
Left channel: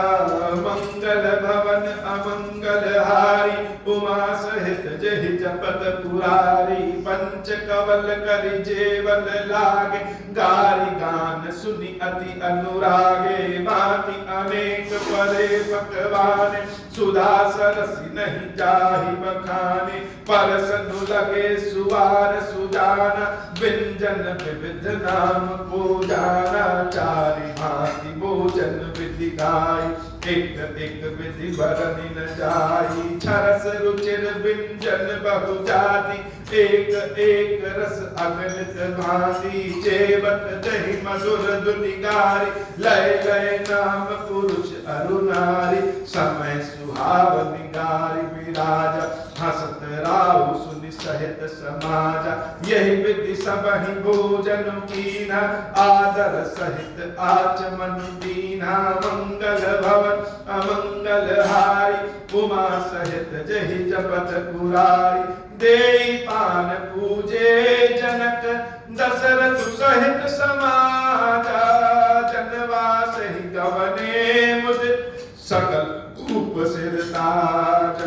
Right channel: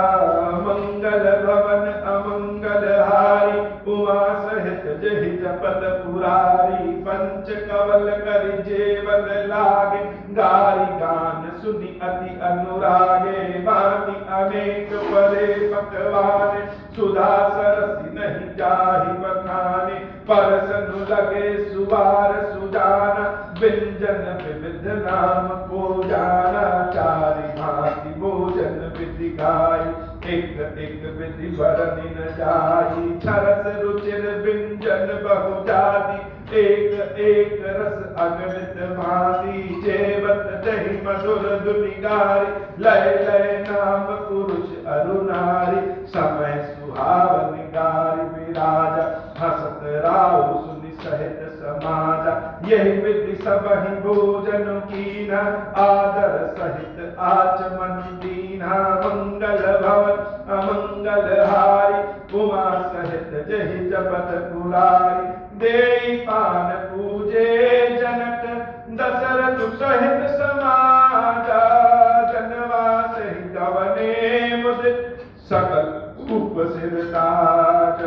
मंगल भवन अमंगल हारी उमा सहित जेहि जपत पुरारी पंच कवल करि जेवन लागे गारी गान सुनि अति अनुरागे भांति अनेक परे पकवाने सुधा सरसी नहीं जाहि बखाने परसनु लगे सुवार सुजाना व्यंजन विविध नाम को जाना चारि भांति भोजन विधि गाई एक एक विधि बरनि न जाई छरस रुचिर व्यंजन बहु जाति एक एक रस अगणित भांति जेवत दहि मधुर धुनि गारी लय लय नाम पुरुष अरुनारी समय सुहावनि गारी विराजा हसत राहु सुनि सहित समाजा यही विधि सबहि भोजन कीना आदर सहित आचमन दीना मंगल भवन अमंगल हारी उमा सहित जेहि जपत पुरारी देई पान पूजे जनक दशरथ सहित समाजा जनवास ही गवने मुदित शोभ सिर ताज।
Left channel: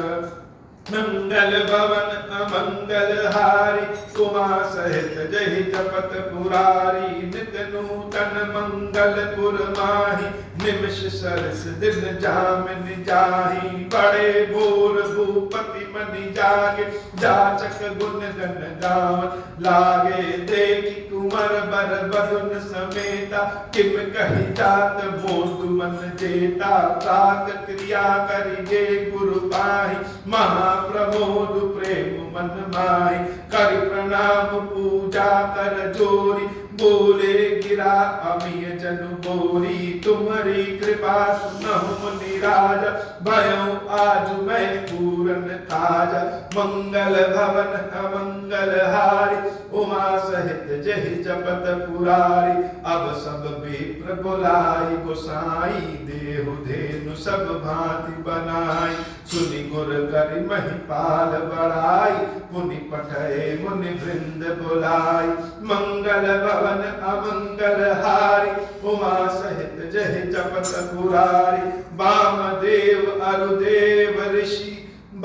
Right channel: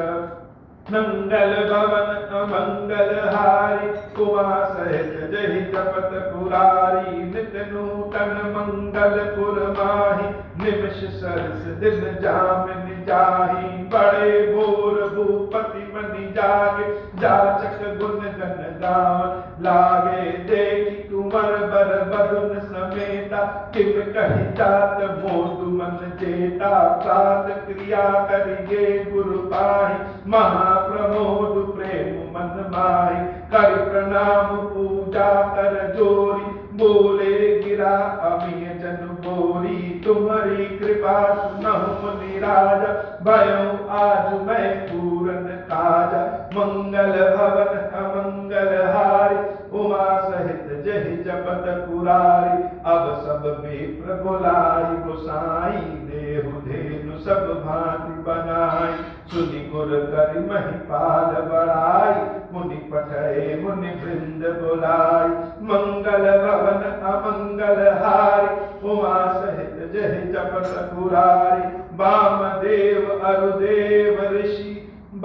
मंगल भवन अमंगल हारी उमा सहित जहि जपत पुरारी। नित नूतन मंगल पुर माही निमिष सरस दिन जामिन जाही। बड़े बोर भूपति मनि जागे जाचक गुण गण गावन लागे। देखि कुंवर बर बरुन समेता किम कही जात मोदुवन जेता। प्रात क्रिया करिगे गुरु पाहि महाप्रमोद प्रेम मन माहि। कर प्रणाम पूजा कर जोरी बोले गिरा अमिय जन बोरी। तुम्हारी कृपा सुनहु मुनि राजा भयउ आज मैं पूरन ताजा। मंगल भवन अमंगल हारी उमा सहित जहि जपत पुरारी। अब सब विप्र बुलाई गोसाई देहु धेनु सब भांति बनाई। सुनि गुर करि महिपाल बड़ाई मुनि पठय मुनि वृंद बुलाई। मंगल भवन अमंगल हारी उमा सहित जहि जपत पुरारी। वामदेव अरुदेव ऋषि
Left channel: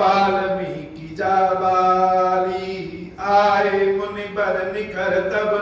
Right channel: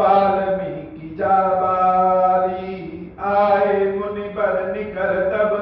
बाल्मीकि जाबाली। आए मुनि बर निकर तब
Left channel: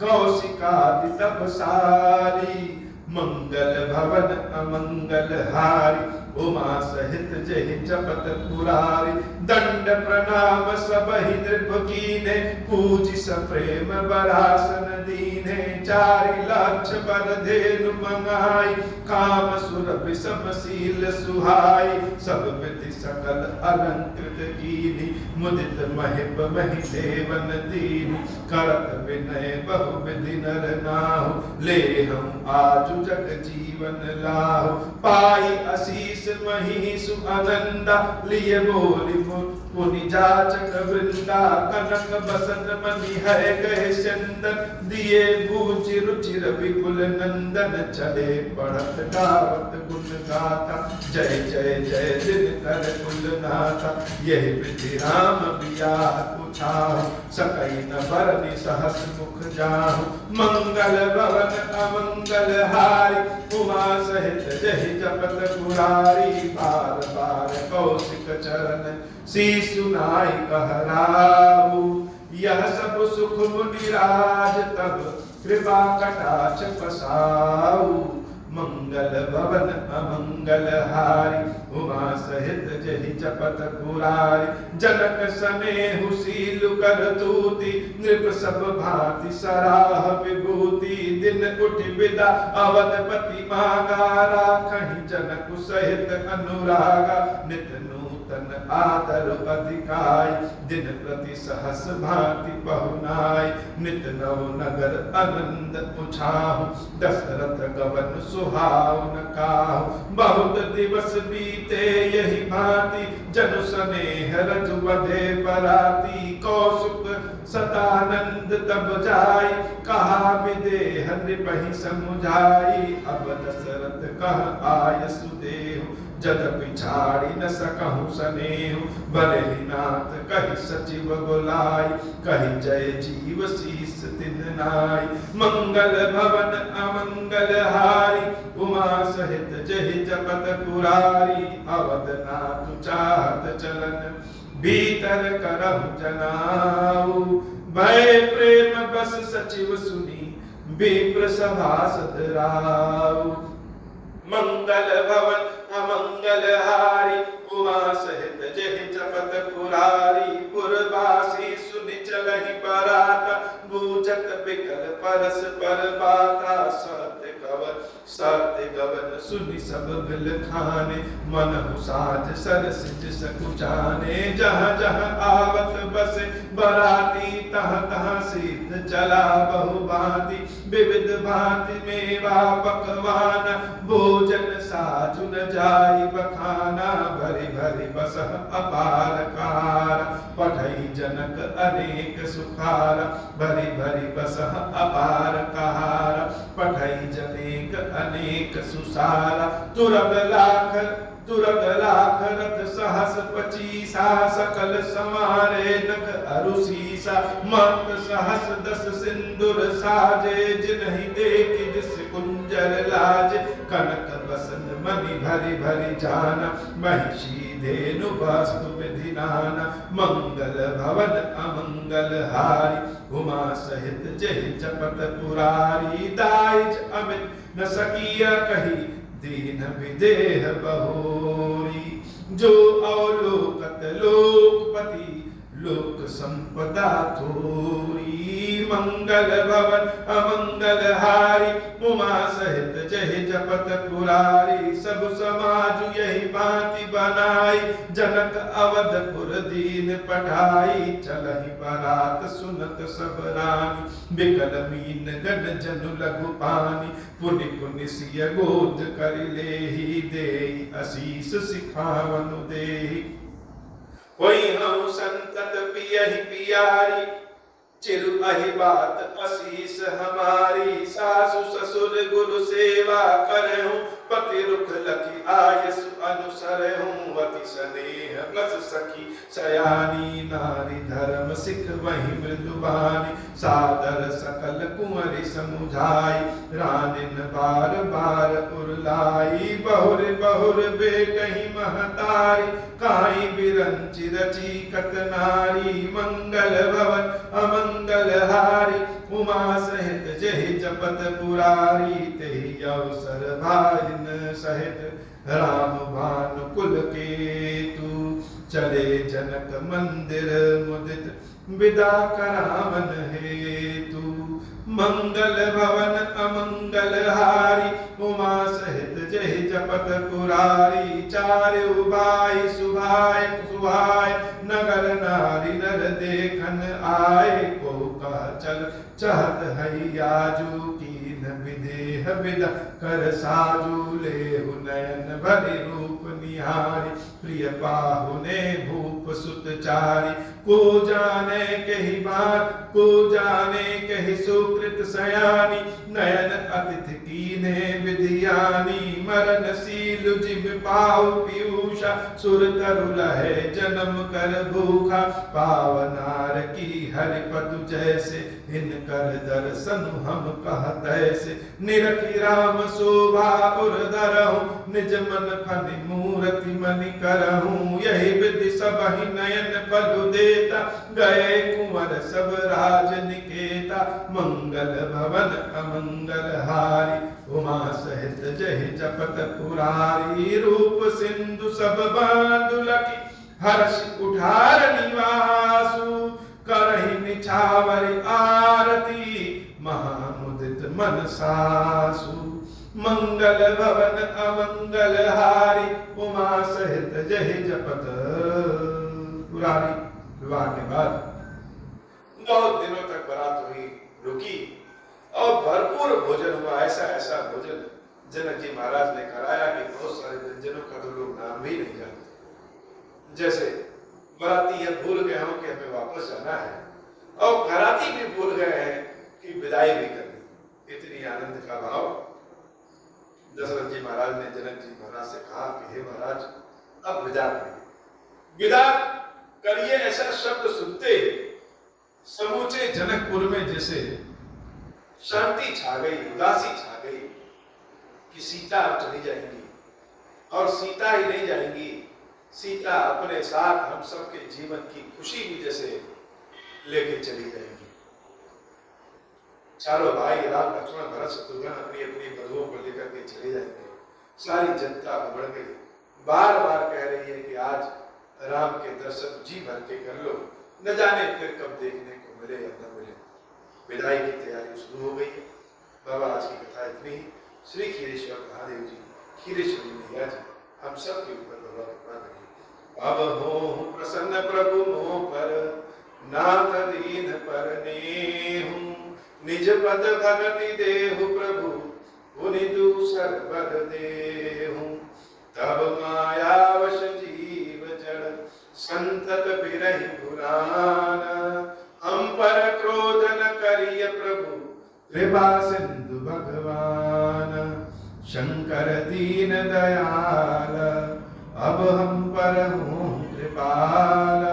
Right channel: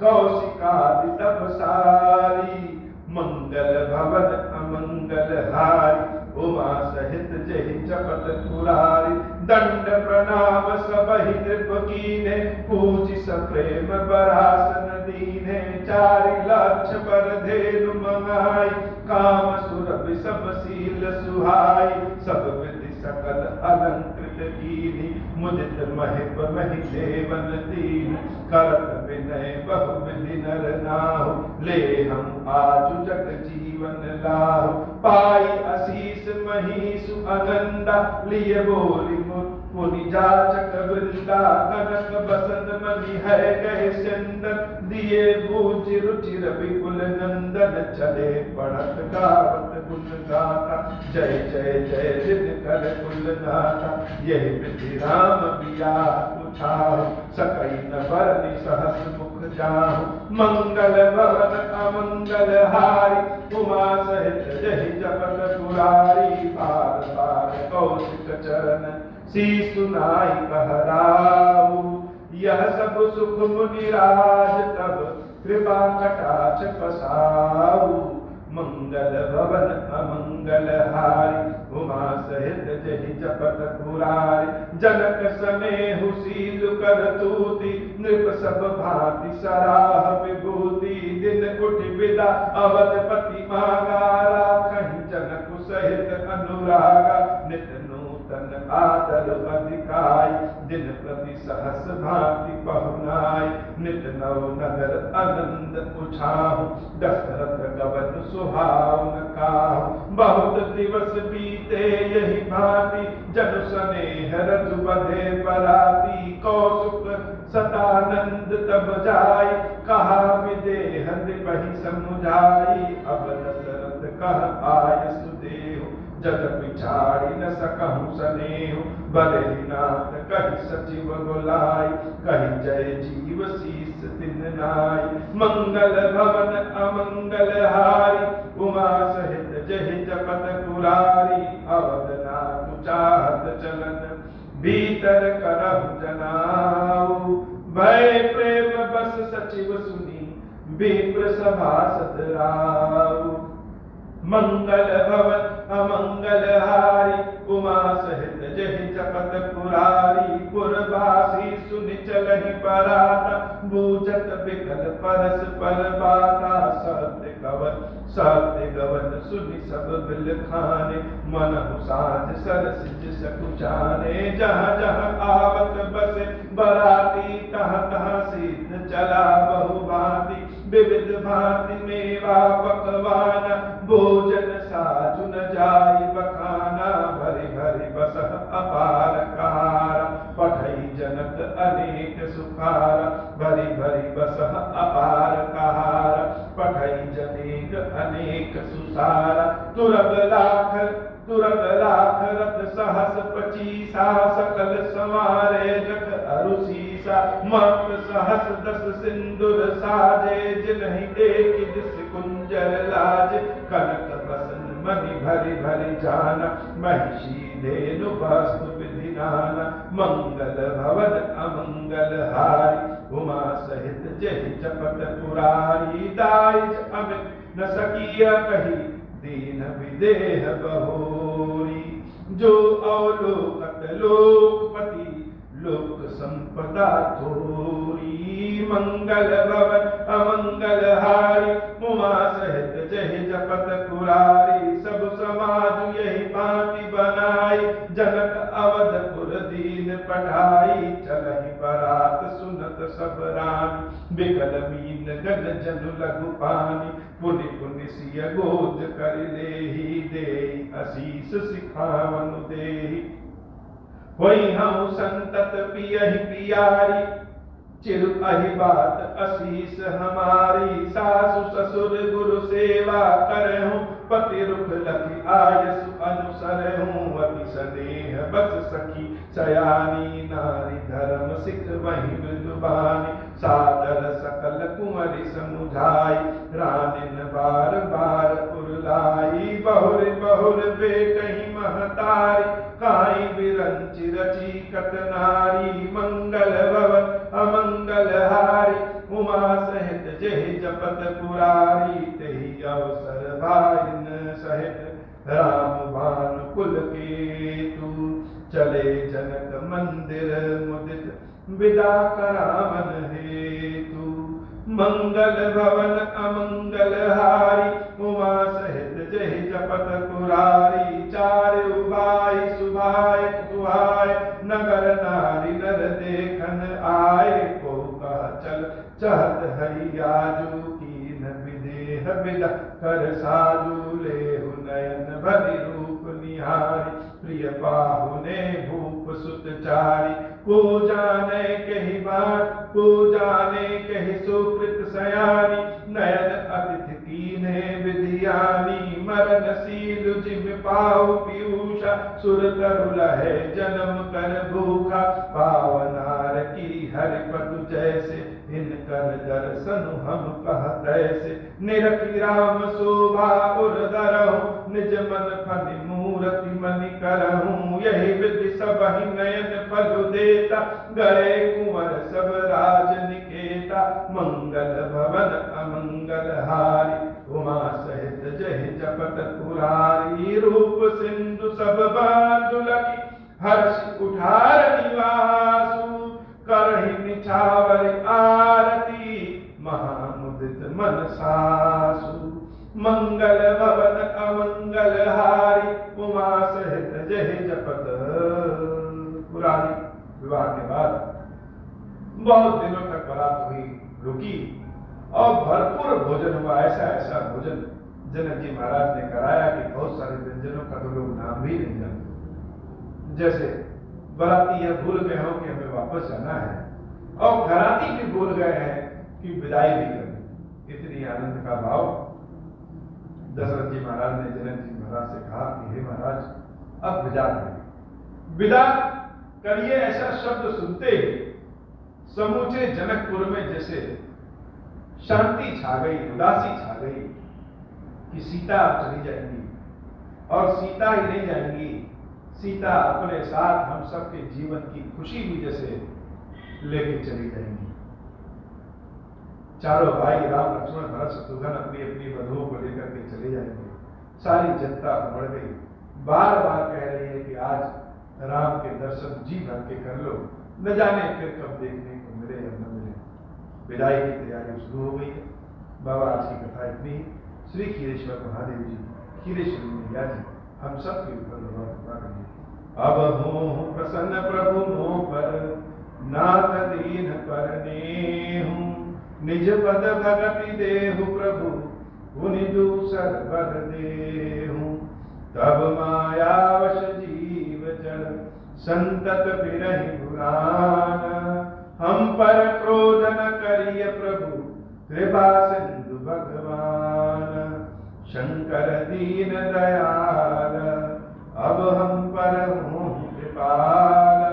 कौशिकादि तपसारी। मंगल भवन अमंगल हारी उमा सहित जहि जपत पुरारी। दंड प्रणाम सबहि नृप कीन्हे पूजि सप्रेम बरासन दीन्हे। चारि लाछ पर धेनु मंगाई काम सुरभि समशील सुहाई। सब विधि सकल अलंकृत कीन्ही मुदित महिप महि देवन दीन। करत विनय बहु विधि नर नाहु ले हम आजु जग जीवन लाहु। पाई आशीष महीसु आनंदा लिए बोली मुनि जाचक वृंदा। कनक बसत मनि है गए चंदन दिए बूझि रुचिर विपुल नंदन। चले पढ़त गावत गुण गाथा जय जय जय दिन कर कुलनाथा। यही विधि राम बिया पुछाहु सकई न बरनि सहस मुख जाहु। मंगल भवन अमंगल हारी उमा सहित जहि जपत पुरारी। बार बार कौशिक चरण शीशु नाई कहराऊ। यह सब सुख मुनि राज तब कृपा कटाक्ष पसाऊ। मंगल भवन अमंगल हारी उमा सहित जहि जपत पुरारी। जनक सनेहु सील कर तूति नृप सब भांति सराह विभूति। दिन उठि विदा अवधपति मांगा राखहि जनक सहित अनुरागा। नित नूतन आदर अधिकाई दिन प्रति सहस भांति पहुनाई। नित नव नगर आनंद पुछाहु दशरथ गवन सुहावन काहु। बहुत दिवस बीते यही भांति जनु स्नेह रजु बधे बराती। कौसुक सदानंद तब जाई कहा विदेह नृपहि समुझाई। अब दशरथ कह आय सुदेहु जद पिछाड़ी न सकहु सनेहु। भले नाथ कहि सचिव बुलाई कहि जय जीव शीस तिन नाई। मंगल भवन अमंगल हारी उमा सहित जहि जपत पुरारी। अवध नाथ चाहत चलन भीतर करहु जनाऊ। भय प्रेम बस सचिव सुनी विप्र सभासद राऊ। मंगल भवन अमंगल हारी उमा सहित जहि जपत पुरारी। पुरवासी सुनि चलहि पराता बूझत बिकल परस पर बाता। सत्य गवन सुनि सब बिल खाने मनहु साज सरस जिस कुचाने। जहाँ जहाँ आवत बसे बराती तहाँ तहाँ सिद्ध चला बहु भांति। विविध भांति मेवा पकवान भोजन साजु न जाई बखाना। भरी भरी बसह अपार कहारा पठई जनक अनेक सुखारा। भरी भरी बसह अपार कहारा पठई जनेक अनेक सुसारा। तुरग लाख रथ सहस पचीसा। सकल संवारे नख अरुसीसा। मत सहस दस सिंदूर साजे जिन्हि देख जिस कुंजर लाज। कनक बसन मणि भरी भरी जाना, महिषी धेनु वास्तु विधि नाना, मंगल भवन अमंगल हारी, उमा सहित जय जपत पुरारी, दाइज अमित न सकिया कही, दीन विदेह बहोरी, जो अवलोकत लोकपति, लोक संपदा थोरी, मंगल भवन अमंगल हारी, उमा सहित जय जपत पुरारी, सब समाज यही भांति बनाई, जनक अवधपुर दीन पढ़ाई, चलहि बरात सुनत सब रानी, बिकल मीन गण जनु लघु पानी, पुनि पुनि सिय गोद कर लेहि, देहि असीस सिखावनु देहि, होई हम संतत पियहि पियारी, चिर अहि बात असीस हमारी, सासु ससुर गुरु सेवा करहूं, पति रुख लखि आयसु अनुसरहूं, अति स्नेह बस सखी सयानी, नारी धर्म सिख वही मृदुबानी, सादर सकल कुंवरी समुझाई, रानिन बार बार उरलाई, बहुर बहुर बेटहि महतारी, काई बिरंचि रची कत नारी, मंगल भवन अमंगल हारी, उमा सहित जय जपत पुरारी, तेहि अवसर भाइन सहित राम भानु कुल केतु, चले जनक मंदिर मुदित विदा करावन हेतु, मंगल भवन अमंगल हारी, उमा सहित जय जपत पुरारी, चार उबाई सुभाय सुभाय, नगर नारी नर देखन आए, को कह चल चहत है आजू, कीन विदेह विदा कर साजू, लेहु नयन भरि रूप निहारी, प्रिय पाहुने भूप सुत चारी, को जाने कहि बार को जाने कहि सुकृत सयानी, नयन अतिथि कीने विधियानी, मरणशील जिम पाहु पीयूषा, सुर तरु लहे जन्म कर भूखा, पावनार की हरिपतु जैसे, इनकर दर्शन हम कहत ऐसे, निरखि राम शोभा उर धरहूं, निज मन फनि मूरति मनि करहूं, यही विधि सबहि नयन पलु देता, गए कुंवर सब राज निकेता, मंगल भवन अमंगल हारी, उमा सहित जय जपत पुरारी, रूप सिंधु सब बांधु लखि, हर्ष कुठार निवासु, करहि निछावरि आरती, महामुदित मन सासु, मंगल भवन अमंगल हारी, उमा सहित जय जपत पुरारी। विवाह के बाद बहुत दिनों तक बारात हुई, रुकी और भरपूर भोजन हुआ, ऐसा ऐसा भोजन जनक जी महाराज ने कराया कि बहुत सारे व्यंजनों का तो लोग नाम भी नहीं जानते। जैसे बाराती ये भूल गए हो कि हमें वापस जाना है, और घराती भी भूल गए हैं कि विदाई भी करनी। इतनी आनंद का भाव। दशरथ जी महाराज ने जनक जी महाराज से कहा कि हे महाराज, अब विदा करिए, विदा करिए। ऐसा शब्द सुनते ही समूचे जनकपुर में जैसे शांति छा गई, उदासी छा गई कि सीता अब चली जाएंगी, और सीता ही नहीं जाएंगी, सीता अपने साथ हम सबके जीवन की खुशी भी जैसे लेके चली जाएंगी। चारों भाई राम लक्ष्मण भरत शत्रुघ्न अपनी अपनी वधुओं को लेकर के चले जाएंगे। सारी जनता बढ़ गई, बार बार कह रही है कि आज राम के दर्शन जी भर के कर लो, न जाने फिर कब देखने को मिले या न मिले। विदाई की तैयारी शुरू हो गई है। बाबा आज की कथा इतनी ही। श्री खीरेश्वर महादेव जी, खीरेश्वरी मैया जी, हम सब के ऊपर बाबा कृपा करिए। अब हो प्रसन्न प्रभु मोह पर, नाथ दीन पर नेहूं, निज पद भगति देहु प्रभु, पुनि दूसर बर देहूं। तब मायावश जीव जड़, संतत बिरहि पुराना, हम पर क्रोध न करिय प्रभु, कृपा सिंधु भगवान। शंकर दीन दयाल, अब हम पर हूँ कृपाल,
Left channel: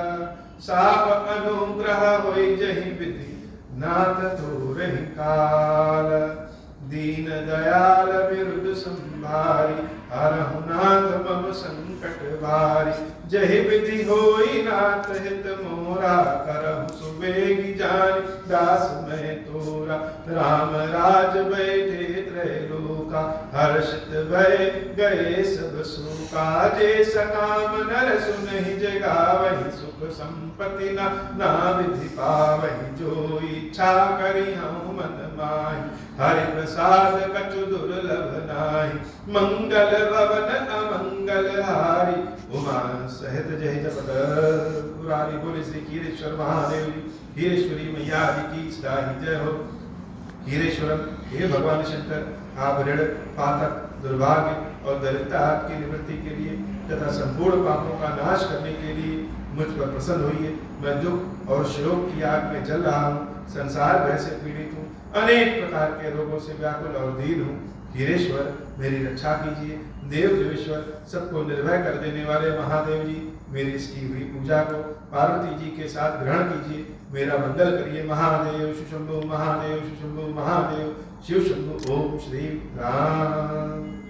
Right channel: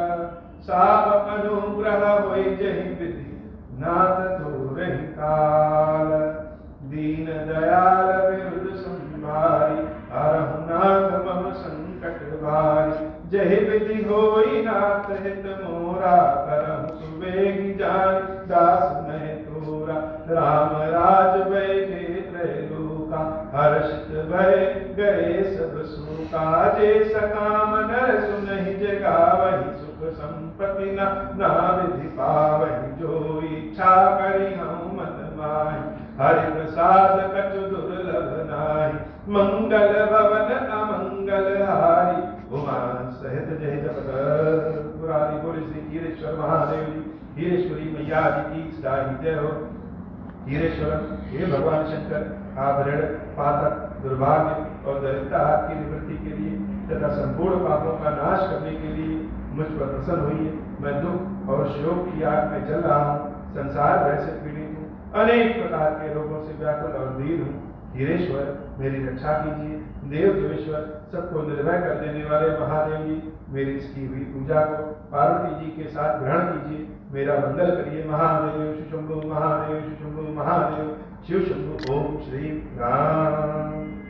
साप अनुग्रह होई जहि विधि, नाथ तोरहि काल। दीन दयाल बिरुद संभारी, हर मोरा, करहु सुबेगी जान दास मैं तोरा। राम राज बैठे त्रैलोका, हर्षित भय गए सब शोका। जे सकाम नर सुनहि जगावहि, सुख संपत्ति ना विधि पावहि। जो इच्छा करि हऊँ मन माहि, हरि प्रसाद कछु दुर्लभ नाहि। मंगल भवन अमंगल हारी, उमा सहित जय जपत मुरारी। बोले श्री हीरेश्वर महादेव जी, हीरेश्वरी मैया की सदा ही जय हो। हीरेश्वरम, हे भगवान शंकर, आप ऋण, पातक, दुर्भाग्य और दरिद्रता की निवृत्ति के लिए तथा संपूर्ण पापों का नाश करने के लिए मुझ पर प्रसन्न होइए। मैं दुख और शोक की आग में जल रहा हूँ, संसार भय से पीड़ित हूँ, अनेक प्रकार के रोगों से व्याकुल और दीन हूँ। हीरेश्वर, मेरी रक्षा कीजिए। देव देवेश्वर, सबको निर्भय कर देने वाले महादेव जी, मेरी इसकी हुई पूजा को पार्वती जी के साथ ग्रहण कीजिए। मेरा मंगल करिए। महादेव शिशंभु, महादेव शिशंभु, महादेव शिव शंभु। ओम श्री राम।